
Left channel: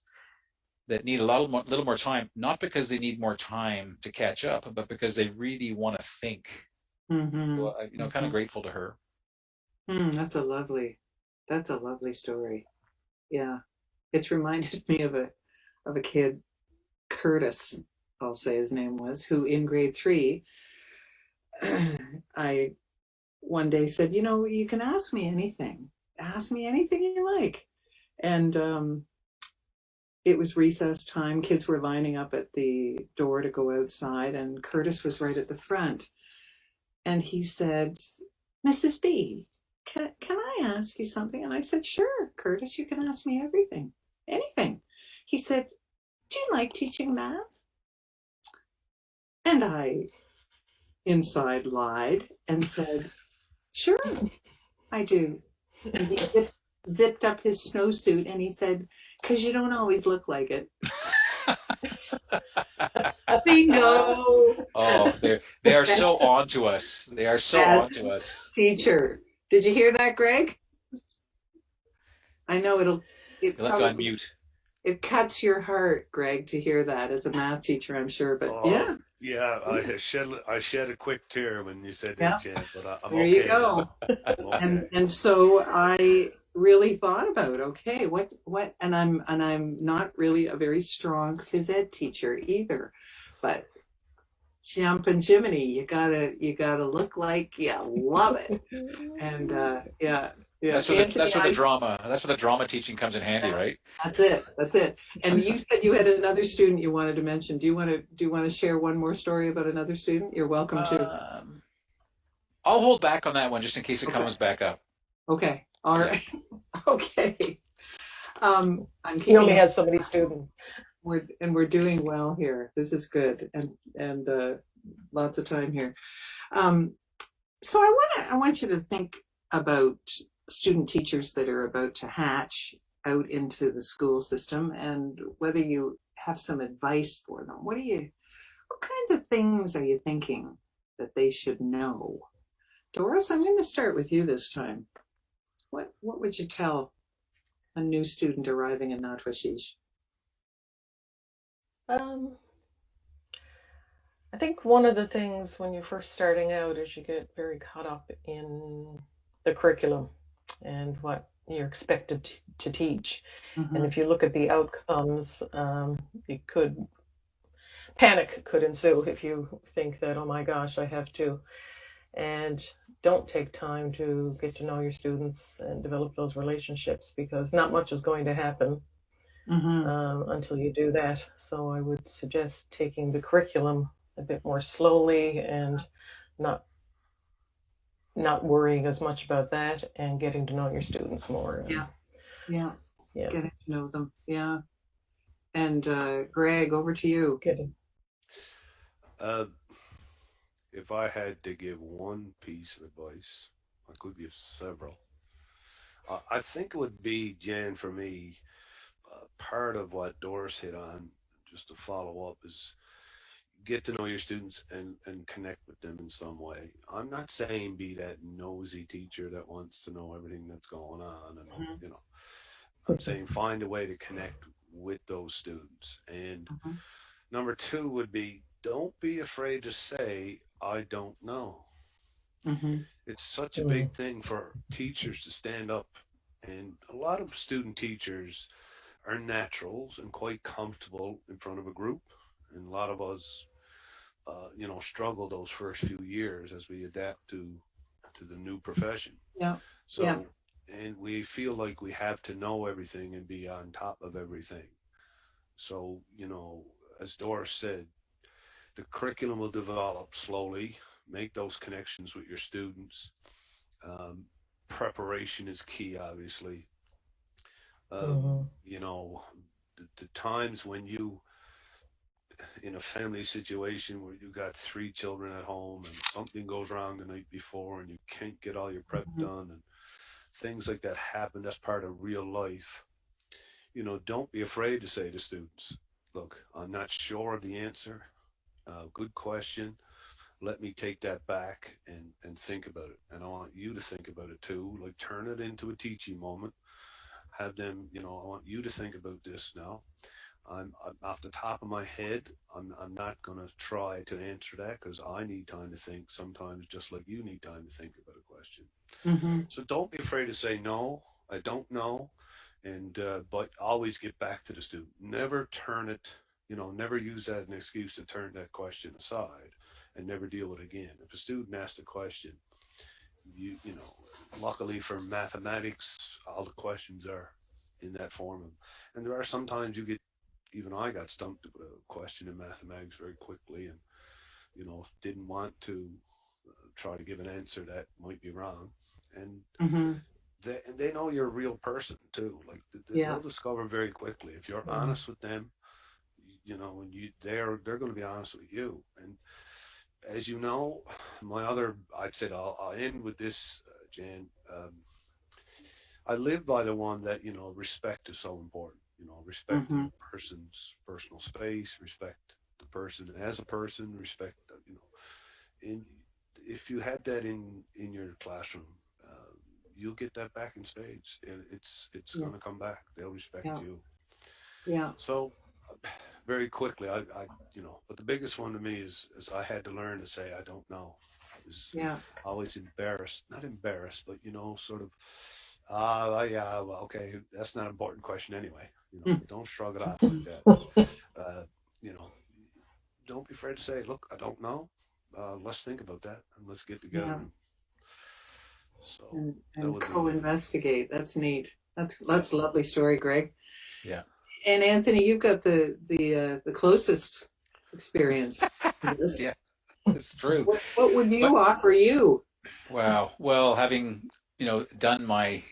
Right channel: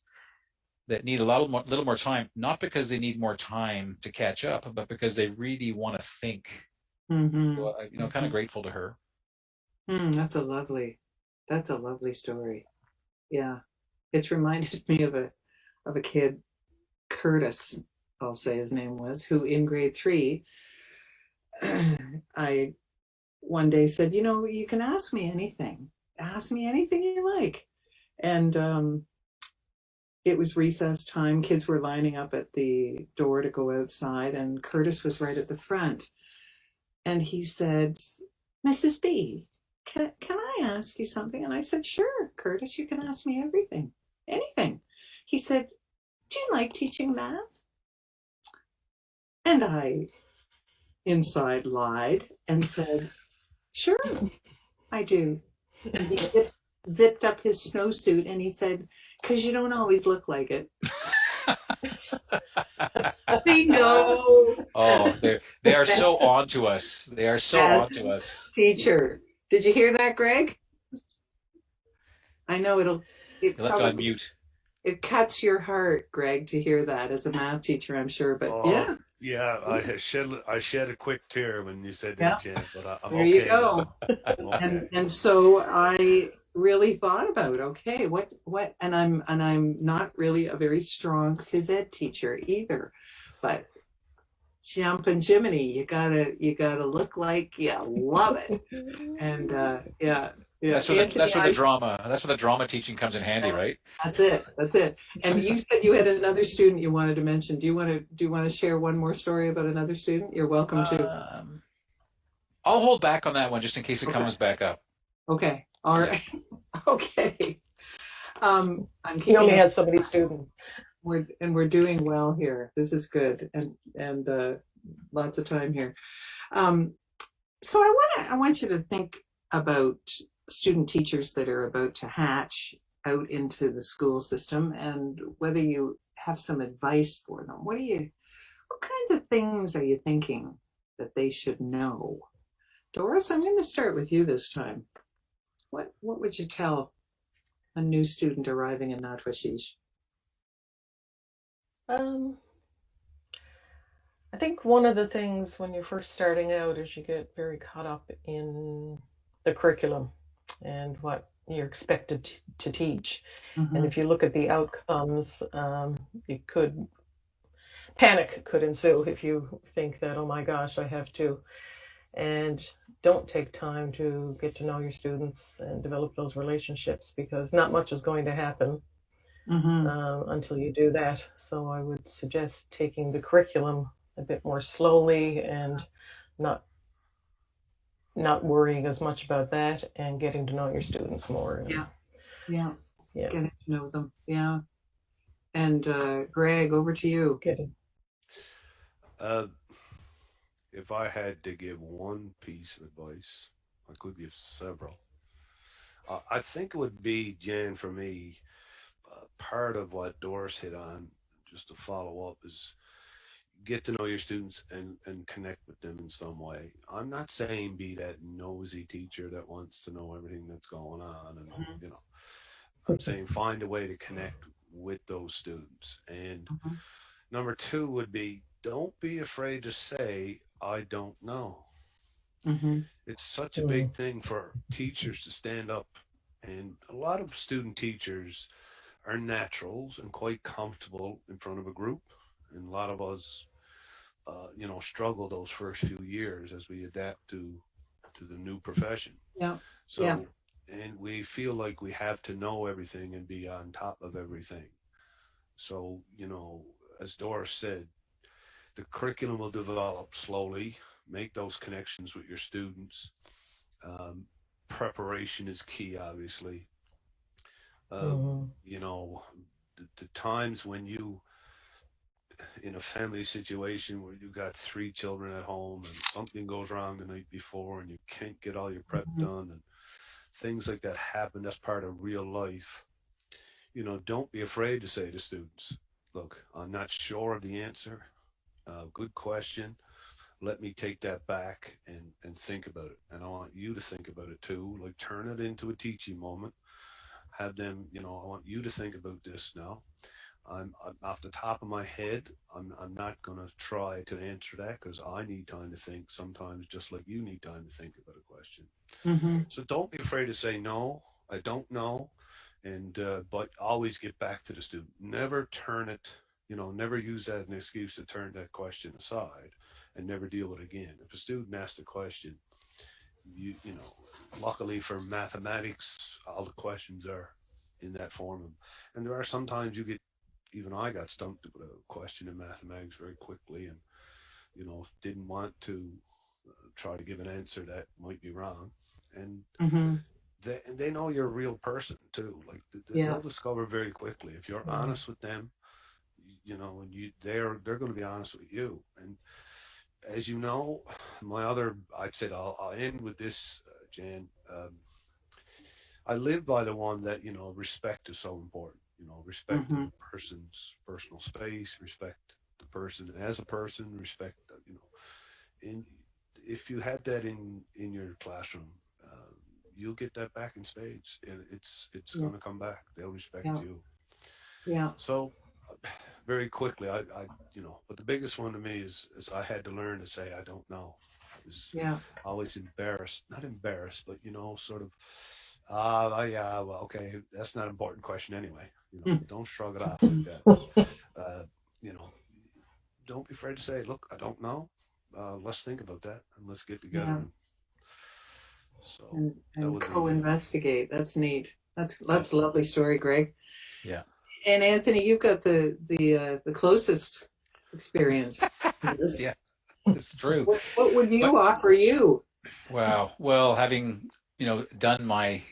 that need a little more time, not because they need more time to catch up, but because they really want to think. Mm-hmm. So, kind of grateful to her. That's a lovely story. Yeah, it's reminded me of a kid, Curtis, I'll say his name was, who in grade 3, I one day said, you can ask me anything you like. And it was recess time. Kids were lining up at the door to go outside, and Curtis was right at the front. And he said, Mrs. B, can I ask you something? And I said, sure, Curtis, you can ask me anything. He said, do you like teaching math? And I inside lied and said, sure, I do. And he zipped up his snowsuit and he said, because you don't always look like it. Bingo. Oh, they are so on to us. They are so on to Best us. teacher. Did you hear that, Greg? I know it You left it on probably, mute. it cuts your heart, Greg, to hear that as a math teacher, I'm sure. But Oh, yeah, yeah, I shed a quick tear when you said that, yeah, Jen, but I'm there you okay now. go. I'm okay. And so I really thought about, okay, and I'm not really a very strong phys ed teacher either, but jumping Jiminy, you gotta look like you love it. And yeah, yeah. Anthony, That's where the drama teaching comes in handy, right? that's it. That's it. And you said you had another student you wanted to mention. Do you want to share one more story about another student? You're welcome to. Um, I'll hold back on that one just in case it Okay. comes back up. Okay. All Yeah. right. Okay. I'm He only keeping has so many students. we're doing well here. This is good, and lots of time here. Um, so I want you to think about student teachers that are about to hatch out into the school system, and whether you have some advice for them. What kinds of things are you thinking that they should know? Doris, I'm going to start with you this time. What would you tell a new student arriving in Natwashish? Um, I think one of the things when you're first starting out is you get very caught up in the curriculum and what you're expected to teach. And if you look at the outcomes, panic could ensue if you think that, oh my gosh, I have to. And don't take time to get to know your students and develop those relationships, because not much is going to happen until you do that. So I would suggest taking the curriculum a bit more slowly and not worrying as much about that, and getting to know your students more. Yeah. Yeah. Yeah. Getting to know them. Yeah. And Greg, over to you. Getting. Uh, if I had to give one piece of advice, I could give several. I think it would be, Jan, for me, part of what Doris hit on, just to follow up, is get to know your students and connect with them in some way. I'm not saying be that nosy teacher that wants to know everything that's going on, and I'm saying find a way to connect with those students. And number two would be, don't be afraid to say, I don't know. It's such a big thing for teachers to stand up, and a lot of student teachers are naturals and quite comfortable in front of a group, and a lot of us struggle those first few years as we adapt to the new profession. Yeah. So, Yeah. and we feel like we have to know everything and be on top of everything. So, as Doris said, the curriculum will develop slowly. Make those connections with your students. Um, Preparation is key, obviously. The times when you in a family situation where you got three children at home and something goes wrong the night before and you can't get all your prep done, and things like that happen. That's part of real life. Don't be afraid to say to students, look, I'm not sure of the answer. Good question. Let me take that back and think about it. And I want you to think about it too. Like, turn it into a teaching moment. Have them, I want you to think about this now. I'm off the top of my head. I'm not going to try to answer that because I need time to think sometimes, just like you need time to think about a question. So don't be afraid to say, no, I don't know. And, but always get back to the student. Never turn it, never use that as an excuse to turn that question aside and never deal with it again. If a student asks a question, luckily for mathematics, all the questions are in that form. And there are sometimes even I got stumped with a question in mathematics very quickly, and didn't want to try to give an answer that might be wrong. And they know you're a real person too. Like they'll discover very quickly if you're honest with them. And they're going to be honest with you. And as you know, I'd say I'll end with this, Jan. I live by the one that respect is so important. Respect the person's personal space, respect the person. As a person, respect, in, if you had that in your classroom, you'll get that back in spades, and it's Yeah. going to come back. They'll respect Yeah. you. Yeah. So, very quickly, but the biggest one to me is I had to learn to say I don't know. I was Yeah. always embarrassed, not embarrassed, but sort of, yeah, well, okay, that's not an important question anyway. Don't shrug it off like that. Uh, you know, don't be afraid to say, look, I don't know. Let's think about that and let's get together. Yeah. And so And that would be co-investigate. That's neat. That's a lovely story, Greg. Yeah. And Anthony, you've got the closest experience to this. Yeah, it's true. What would you offer you? Wow. Well, having, done my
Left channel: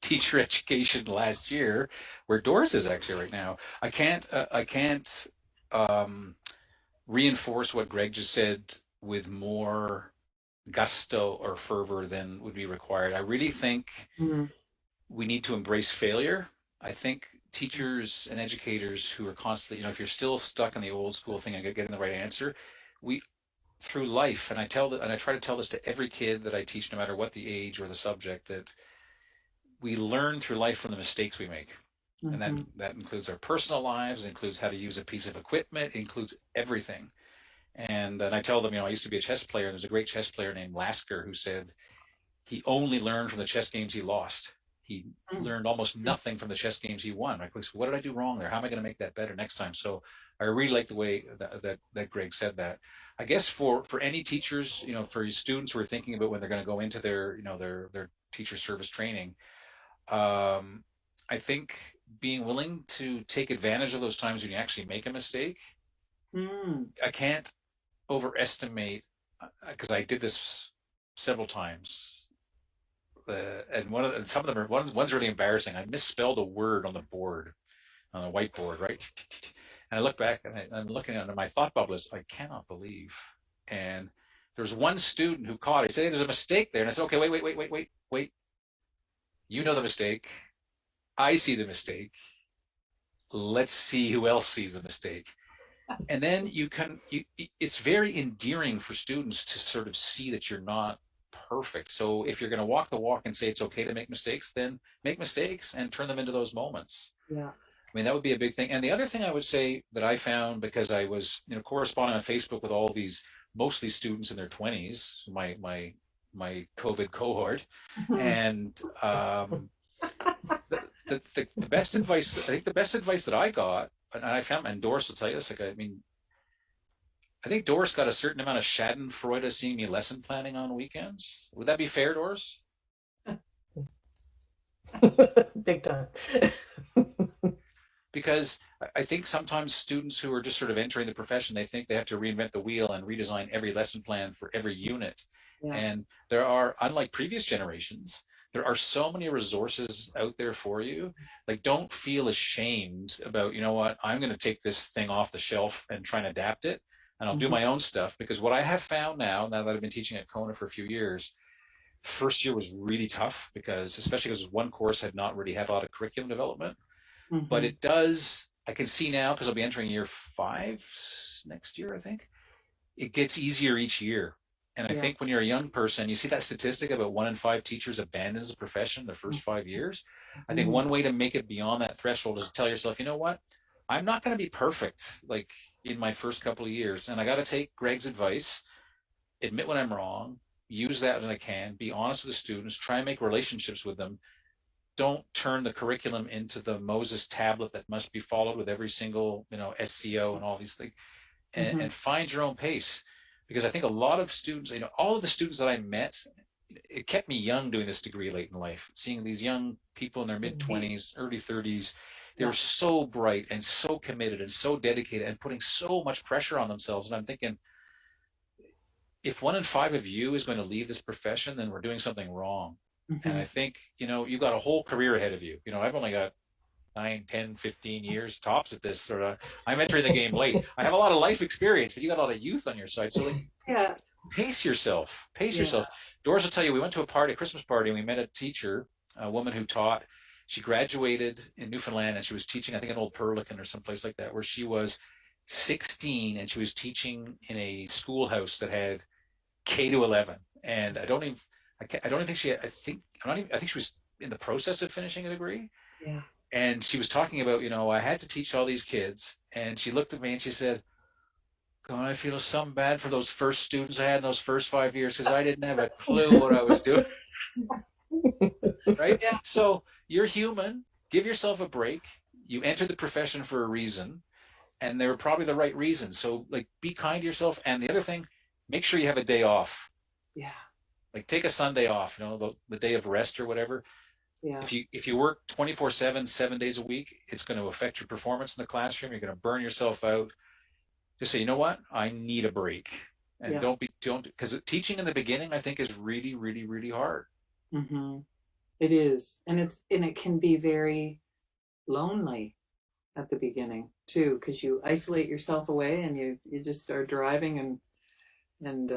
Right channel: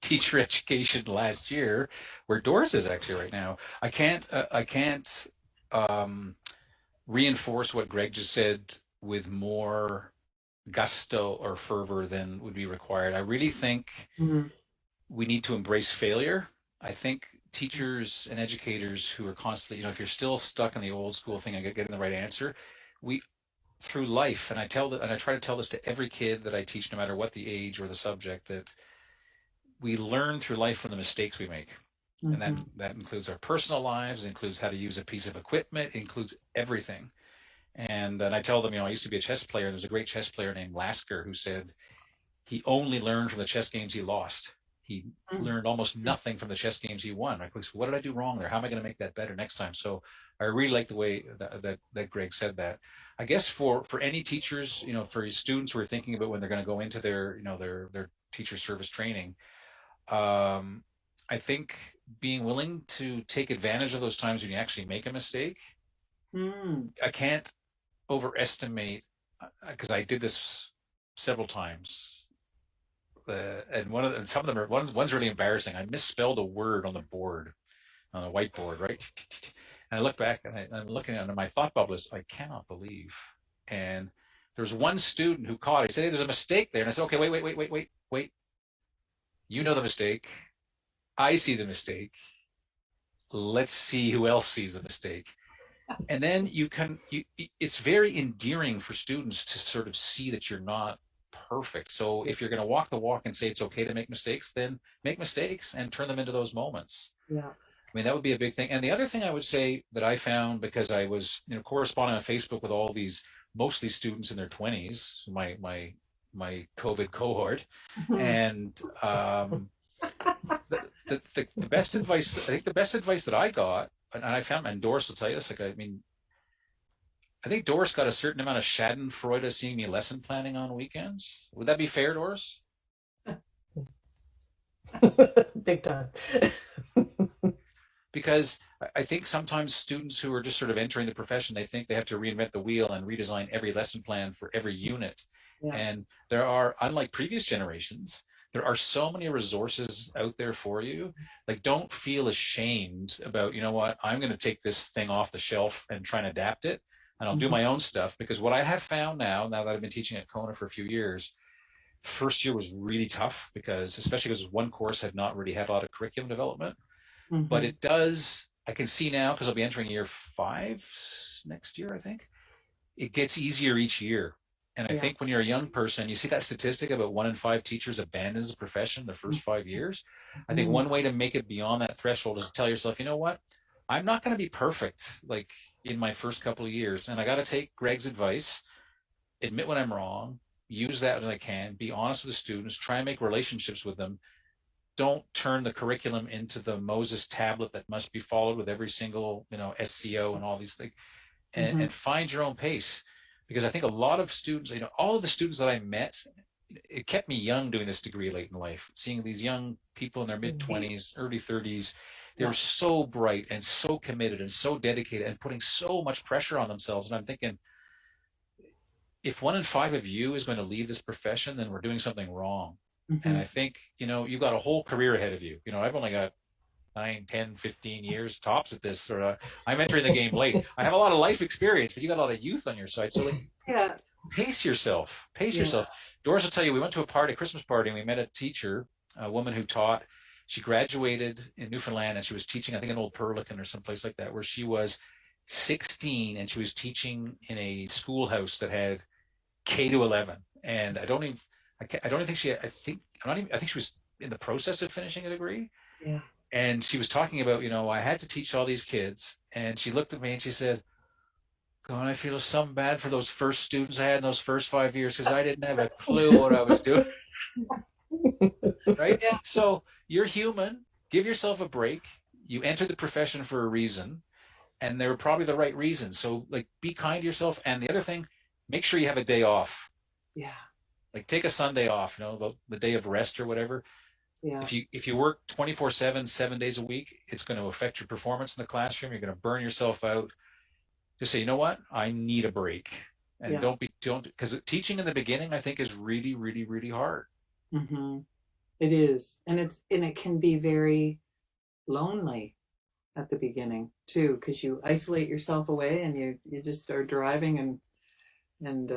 teacher education last year, where Doris is actually right now, I can't reinforce what Greg just said with more gusto or fervor than would be required. I really think Mhm. we need to embrace failure. I think teachers and educators who are constantly, if you're still stuck in the old school thing and getting the right answer, we through life, and I try to tell this to every kid that I teach, no matter what the age or the subject, that we learn through life from the mistakes we make. And that includes our personal lives, it includes how to use a piece of equipment, it includes everything. And I tell them, I used to be a chess player, and there's a great chess player named Lasker who said he only learned from the chess games he lost. He learned almost nothing from the chess games he won. Like, so what did I do wrong there? How am I going to make that better next time? So I really like the way that Greg said that. I guess for any teachers, for your students who are thinking about when they're going to go into their teacher service training, I think being willing to take advantage of those times when you actually make a mistake. I can't overestimate, because I did this several times. And some of them one's really embarrassing. I misspelled a word on the board, on a whiteboard, right? And I look back and I'm looking at it, and my thought bubble is, I cannot believe. And there was one student who caught it. He said, hey, there's a mistake there. And I said, okay, wait. You know the mistake. I see the mistake. Let's see who else sees the mistake. And then it's very endearing for students to sort of see that you're not perfect. So if you're going to walk the walk and say it's okay to make mistakes, then make mistakes and turn them into those moments. Yeah. I mean, that would be a big thing. And the other thing I would say that I found, because I was corresponding on Facebook with all these mostly students in their 20s, my COVID cohort, and the best advice, I think the best advice that I got, and I found, and Doris will tell you this, I think Doris got a certain amount of schadenfreude seeing me lesson planning on weekends. Would that be fair, Doris? Big time. Because I think sometimes students who are just sort of entering the profession, they think they have to reinvent the wheel and redesign every lesson plan for every unit. Yeah. And there are, unlike previous generations, there are so many resources out there for you. Like, don't feel ashamed about, I'm going to take this thing off the shelf and try and adapt it, and I'll do my own stuff. Because what I have found now that I've been teaching at Kona for a few years, first year was really tough, especially because one course had not really had a lot of curriculum development. But it does, I can see now, because I'll be entering year 5 next year, I think, it gets easier each year. And I think when you're a young person, you see that statistic about 1 in 5 teachers abandons the profession the first 5 years. I think one way to make it beyond that threshold is to tell yourself, you know what, I'm not going to be perfect like in my first couple of years. And I got to take Greg's advice, admit when I'm wrong, use that when I can, be honest with the students, try and make relationships with them. Don't turn the curriculum into the Moses tablet that must be followed with every single, SCO and all these things, and find your own pace. Because I think a lot of students, all of the students that I met, it kept me young doing this degree late in life, seeing these young people in their mid-20s, early 30s. They were so bright and so committed and so dedicated and putting so much pressure on themselves. And I'm thinking, if 1 in 5 of you is going to leave this profession, then we're doing something wrong. And I think, you've got a whole career ahead of you. I've only got 9, 10, 15 years tops at this. I'm entering the game late. I have a lot of life experience, but you got a lot of youth on your side. So pace yourself. Doris will tell you, we went to a Christmas party, and we met a teacher, a woman who taught. She graduated in Newfoundland, and she was teaching, I think, in Old Purlican or someplace like that, where she was 16, and she was teaching in a schoolhouse that had K to 11. And I don't even think I think she was in the process of finishing a degree. Yeah. And she was talking about, I had to teach all these kids. And she looked at me and she said, God, I feel some bad for those first students I had in those first 5 years because I didn't have a clue what I was doing. Right? Yeah. So you're human. Give yourself a break. You entered the profession for a reason, and they were probably the right reasons. So, like, be kind to yourself. And the other thing, make sure you have a day off. Yeah. Like, take a Sunday off, the day of rest or whatever. Yeah. If you work 24/7, 7 days a week, it's going to affect your performance in the classroom. You're going to burn yourself out. Just say, you know what? I need a break. And Yeah. because teaching in the beginning, I think, is really, really, really hard. Mm-hmm. It is. And it can be very lonely at the beginning too, because you isolate yourself away and you just start driving and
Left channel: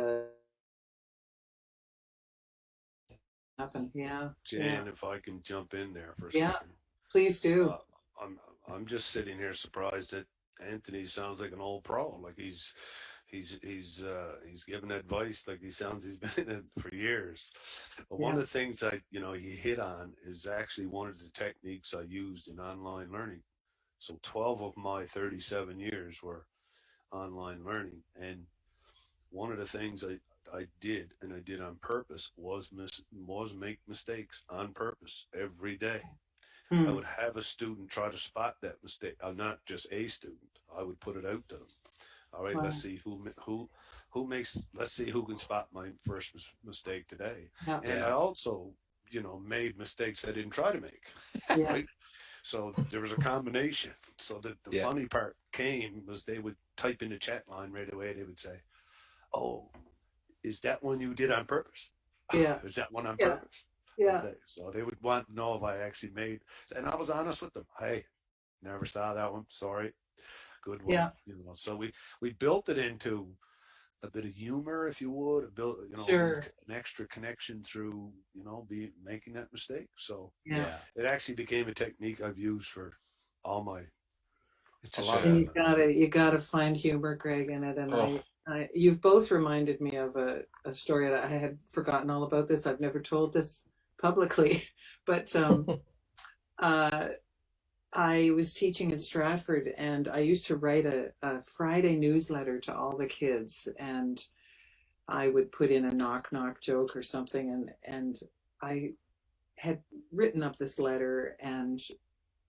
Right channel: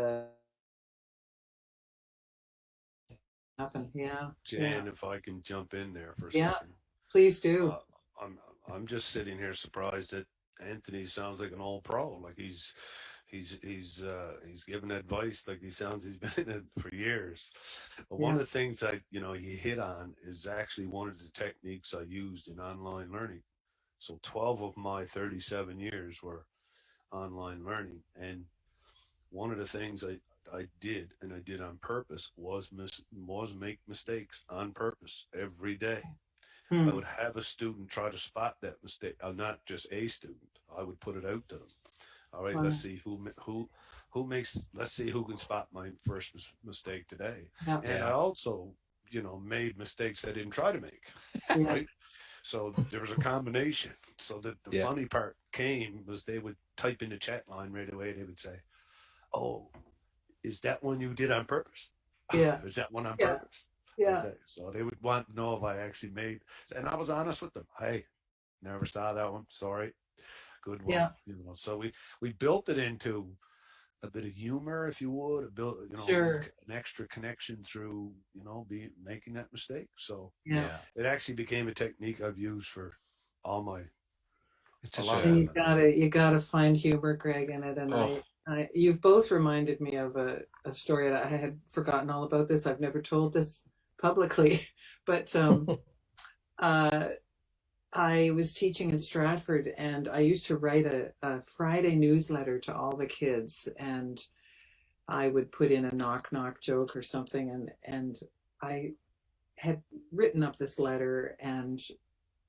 happen. Yeah. Jan, if I can jump in there for a Yeah. second. Please do. I'm just sitting here surprised that Anthony sounds like an old pro. Like he's giving advice like he sounds he's been in it for years. But one of the things that you hit on is actually one of the techniques I used in online learning. So 12 of my 37 years were online learning, and one of the things I did, and I did on purpose, was make mistakes on purpose every day. I would have a student try to spot that mistake. Not just a student. I would put it out to them. All right, Wow. let's see let's see who can spot my first mistake today. Yeah. And I also, made mistakes I didn't try to make. Yeah. Right. So there was a combination. So the funny part was they would type in the chat line right away. They would say, "Oh, is that one you did on purpose? Yeah. Is that one on Yeah. purpose?" Yeah. So they would want to know if I actually made, and I was honest with them. Hey, never saw that one. Sorry. Good one. Yeah. So we built it into a bit of humor, if you would, built, Sure. an extra connection through, making that mistake. So Yeah. it actually became a technique I've used for all my. It's a such lot a- of You gotta find humor, Greg, in it. And Oh. you've both reminded me of a story that I had forgotten all about this. I've never told this publicly, but I was teaching in Stratford, and I used to write a Friday newsletter to all the kids, and I would put in a knock joke or something, and I had written up this letter, and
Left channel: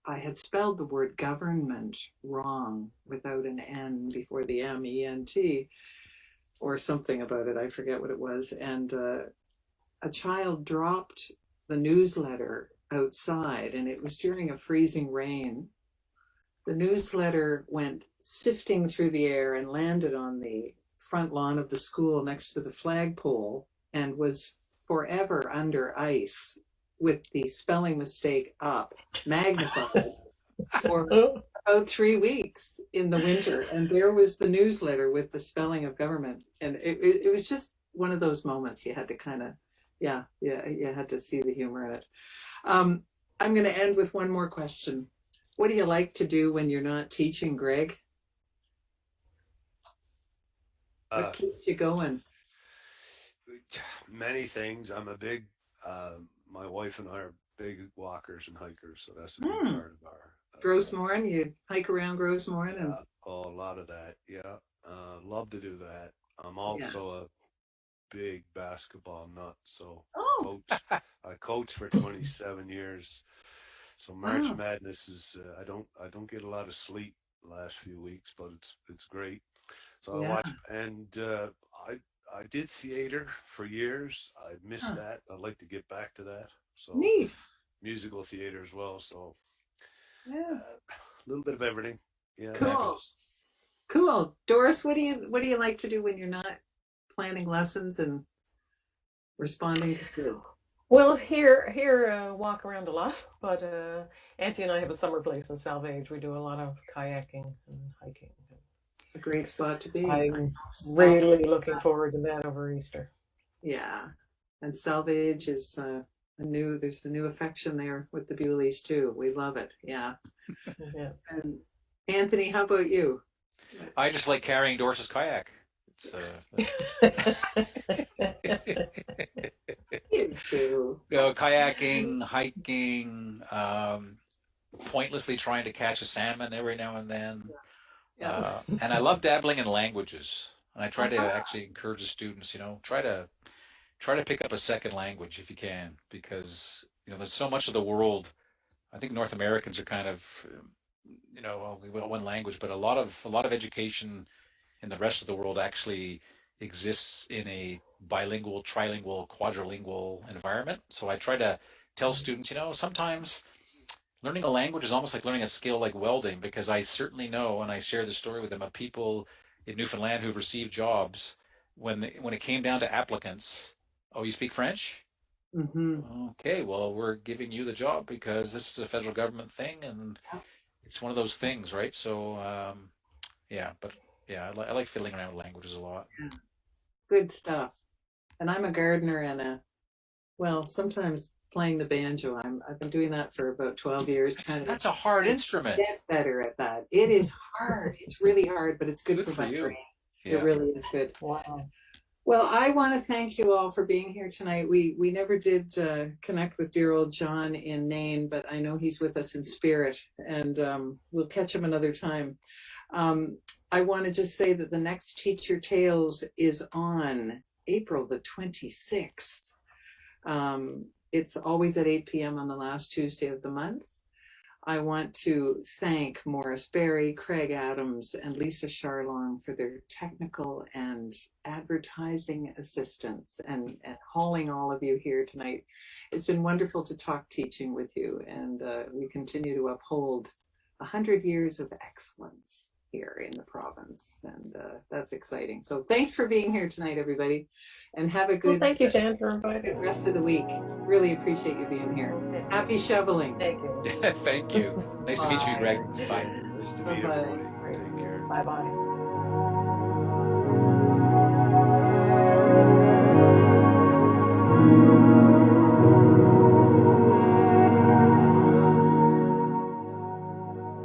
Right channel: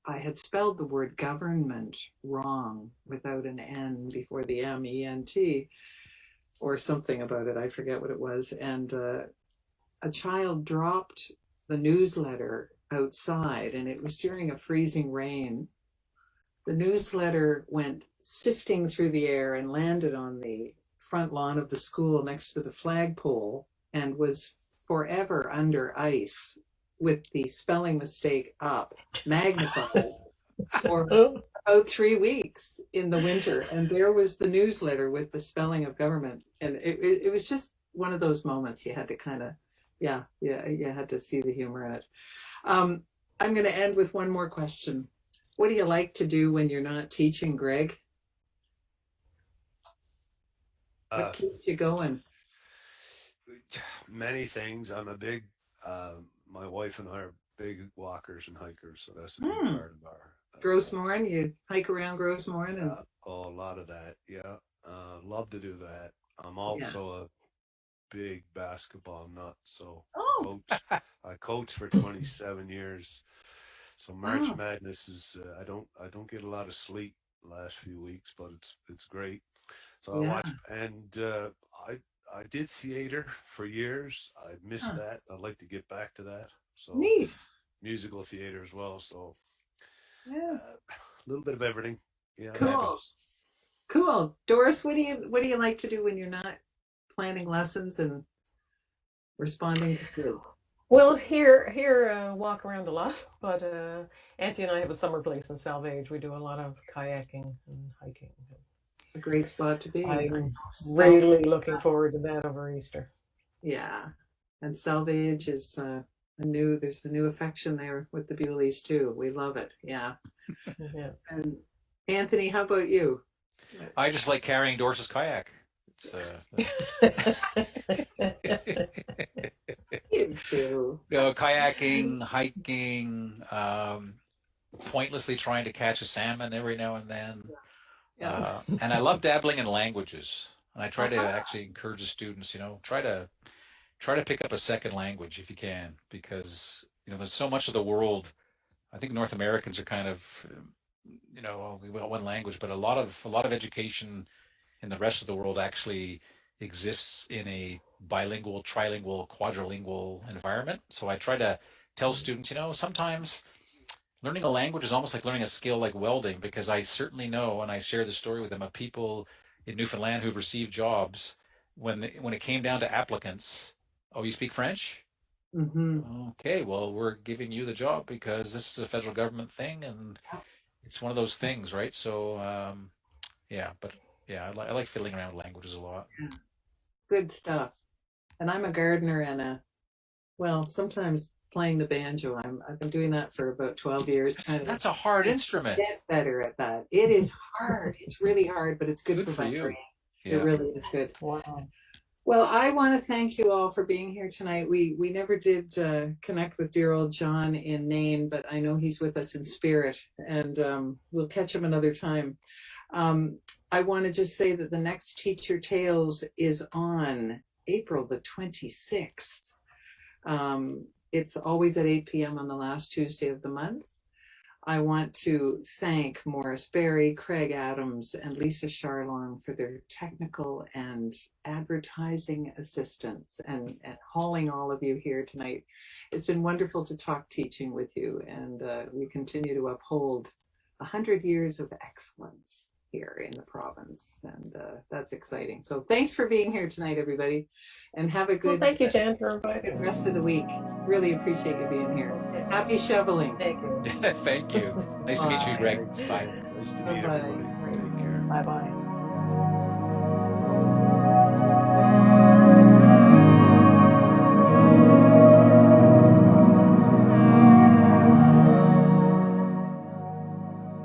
I had spelled the word government wrong without an N before the MENT or something about it. I forget what it was. And a child dropped the newsletter outside, and it was during a freezing rain. The newsletter went sifting through the air and landed on the front lawn of the school next to the flagpole and was forever under ice with the spelling mistake up, magnified, for about 3 weeks in the winter. And there was the newsletter with the spelling of government. And it was just one of those moments you had to kind of, you had to see the humor in it. I'm going to end with one more question. What do you like to do when you're not teaching, Greg? What keeps you going? Many things. I'm a big, my wife and I are big walkers and hikers, so that's a big part of our. Grossmoran, you hike around Grossmoran? And a lot of that, yeah. Love to do that. I'm also a big basketball nut, so I coach for 27 years. So March Madness is I don't get a lot of sleep the last few weeks, but it's great. So I watch, and I did theater for years. I missed that. I'd like to get back to that. So neat. Musical theater as well. So Yeah. a little bit of everything. Yeah. Cool. Doris, what do you like to do when you're not planning lessons and responding to kids? Well, here, walk around a lot, but Auntie and I have a summer place in Salvage. We do a lot of kayaking and hiking. A great spot to be. I'm really looking forward to that over Easter. Yeah, and Salvage is there's a new affection there with the Bewleys too. We love it. Yeah. Yeah. And Anthony, how about you? I just like carrying Doris's kayak. It's You too. kayaking, hiking, pointlessly trying to catch a salmon every now and then. Yeah. And I love dabbling in languages. And I try to Uh-huh. actually encourage the students, try to pick up a second language if you can, because there's so much of the world. I think North Americans are kind of, well, we got one language, but a lot of education in the rest of the world actually exists in a bilingual, trilingual, quadrilingual environment. So I try to tell students, sometimes learning a language is almost like learning a skill like welding, because I certainly know, and I share the story with them, of people in Newfoundland who've received jobs when it came down to applicants. Oh, you speak French? Mm-hmm. Okay, well, we're giving you the job because this is a federal government thing, and it's one of those things, right? So, yeah, but yeah, I like fiddling around with languages a lot. Good stuff. And I'm a gardener and sometimes playing the banjo. I've been doing that for about 12 years, trying to That's a hard instrument. get better at that. It is hard. It's really hard, but it's good for my you. brain. Yeah. It really is good. Wow. Well, I want to thank you all for being here tonight. We never did connect with dear old John in Nain, but I know he's with us in spirit, and we'll catch him another time. I want to just say that the next Teacher Tales is on April the 26th. It's always at 8 p.m. on the last Tuesday of the month. I want to thank Morris Berry, Craig Adams, and Lisa Charlong for their technical and advertising assistance and hauling all of you here tonight. It's been wonderful to talk teaching with you, and we continue to uphold 100 years of excellence here in the province, and that's exciting. So thanks for being here tonight, everybody, and have a good Thank you, Jan, for inviting me. rest of the week. Really appreciate you being here. Happy shoveling. Thank you. Thank you. Nice to meet you, Greg. Thanks, Bye. Jan. Nice to meet Bye-bye. everybody. Take care. Bye-bye.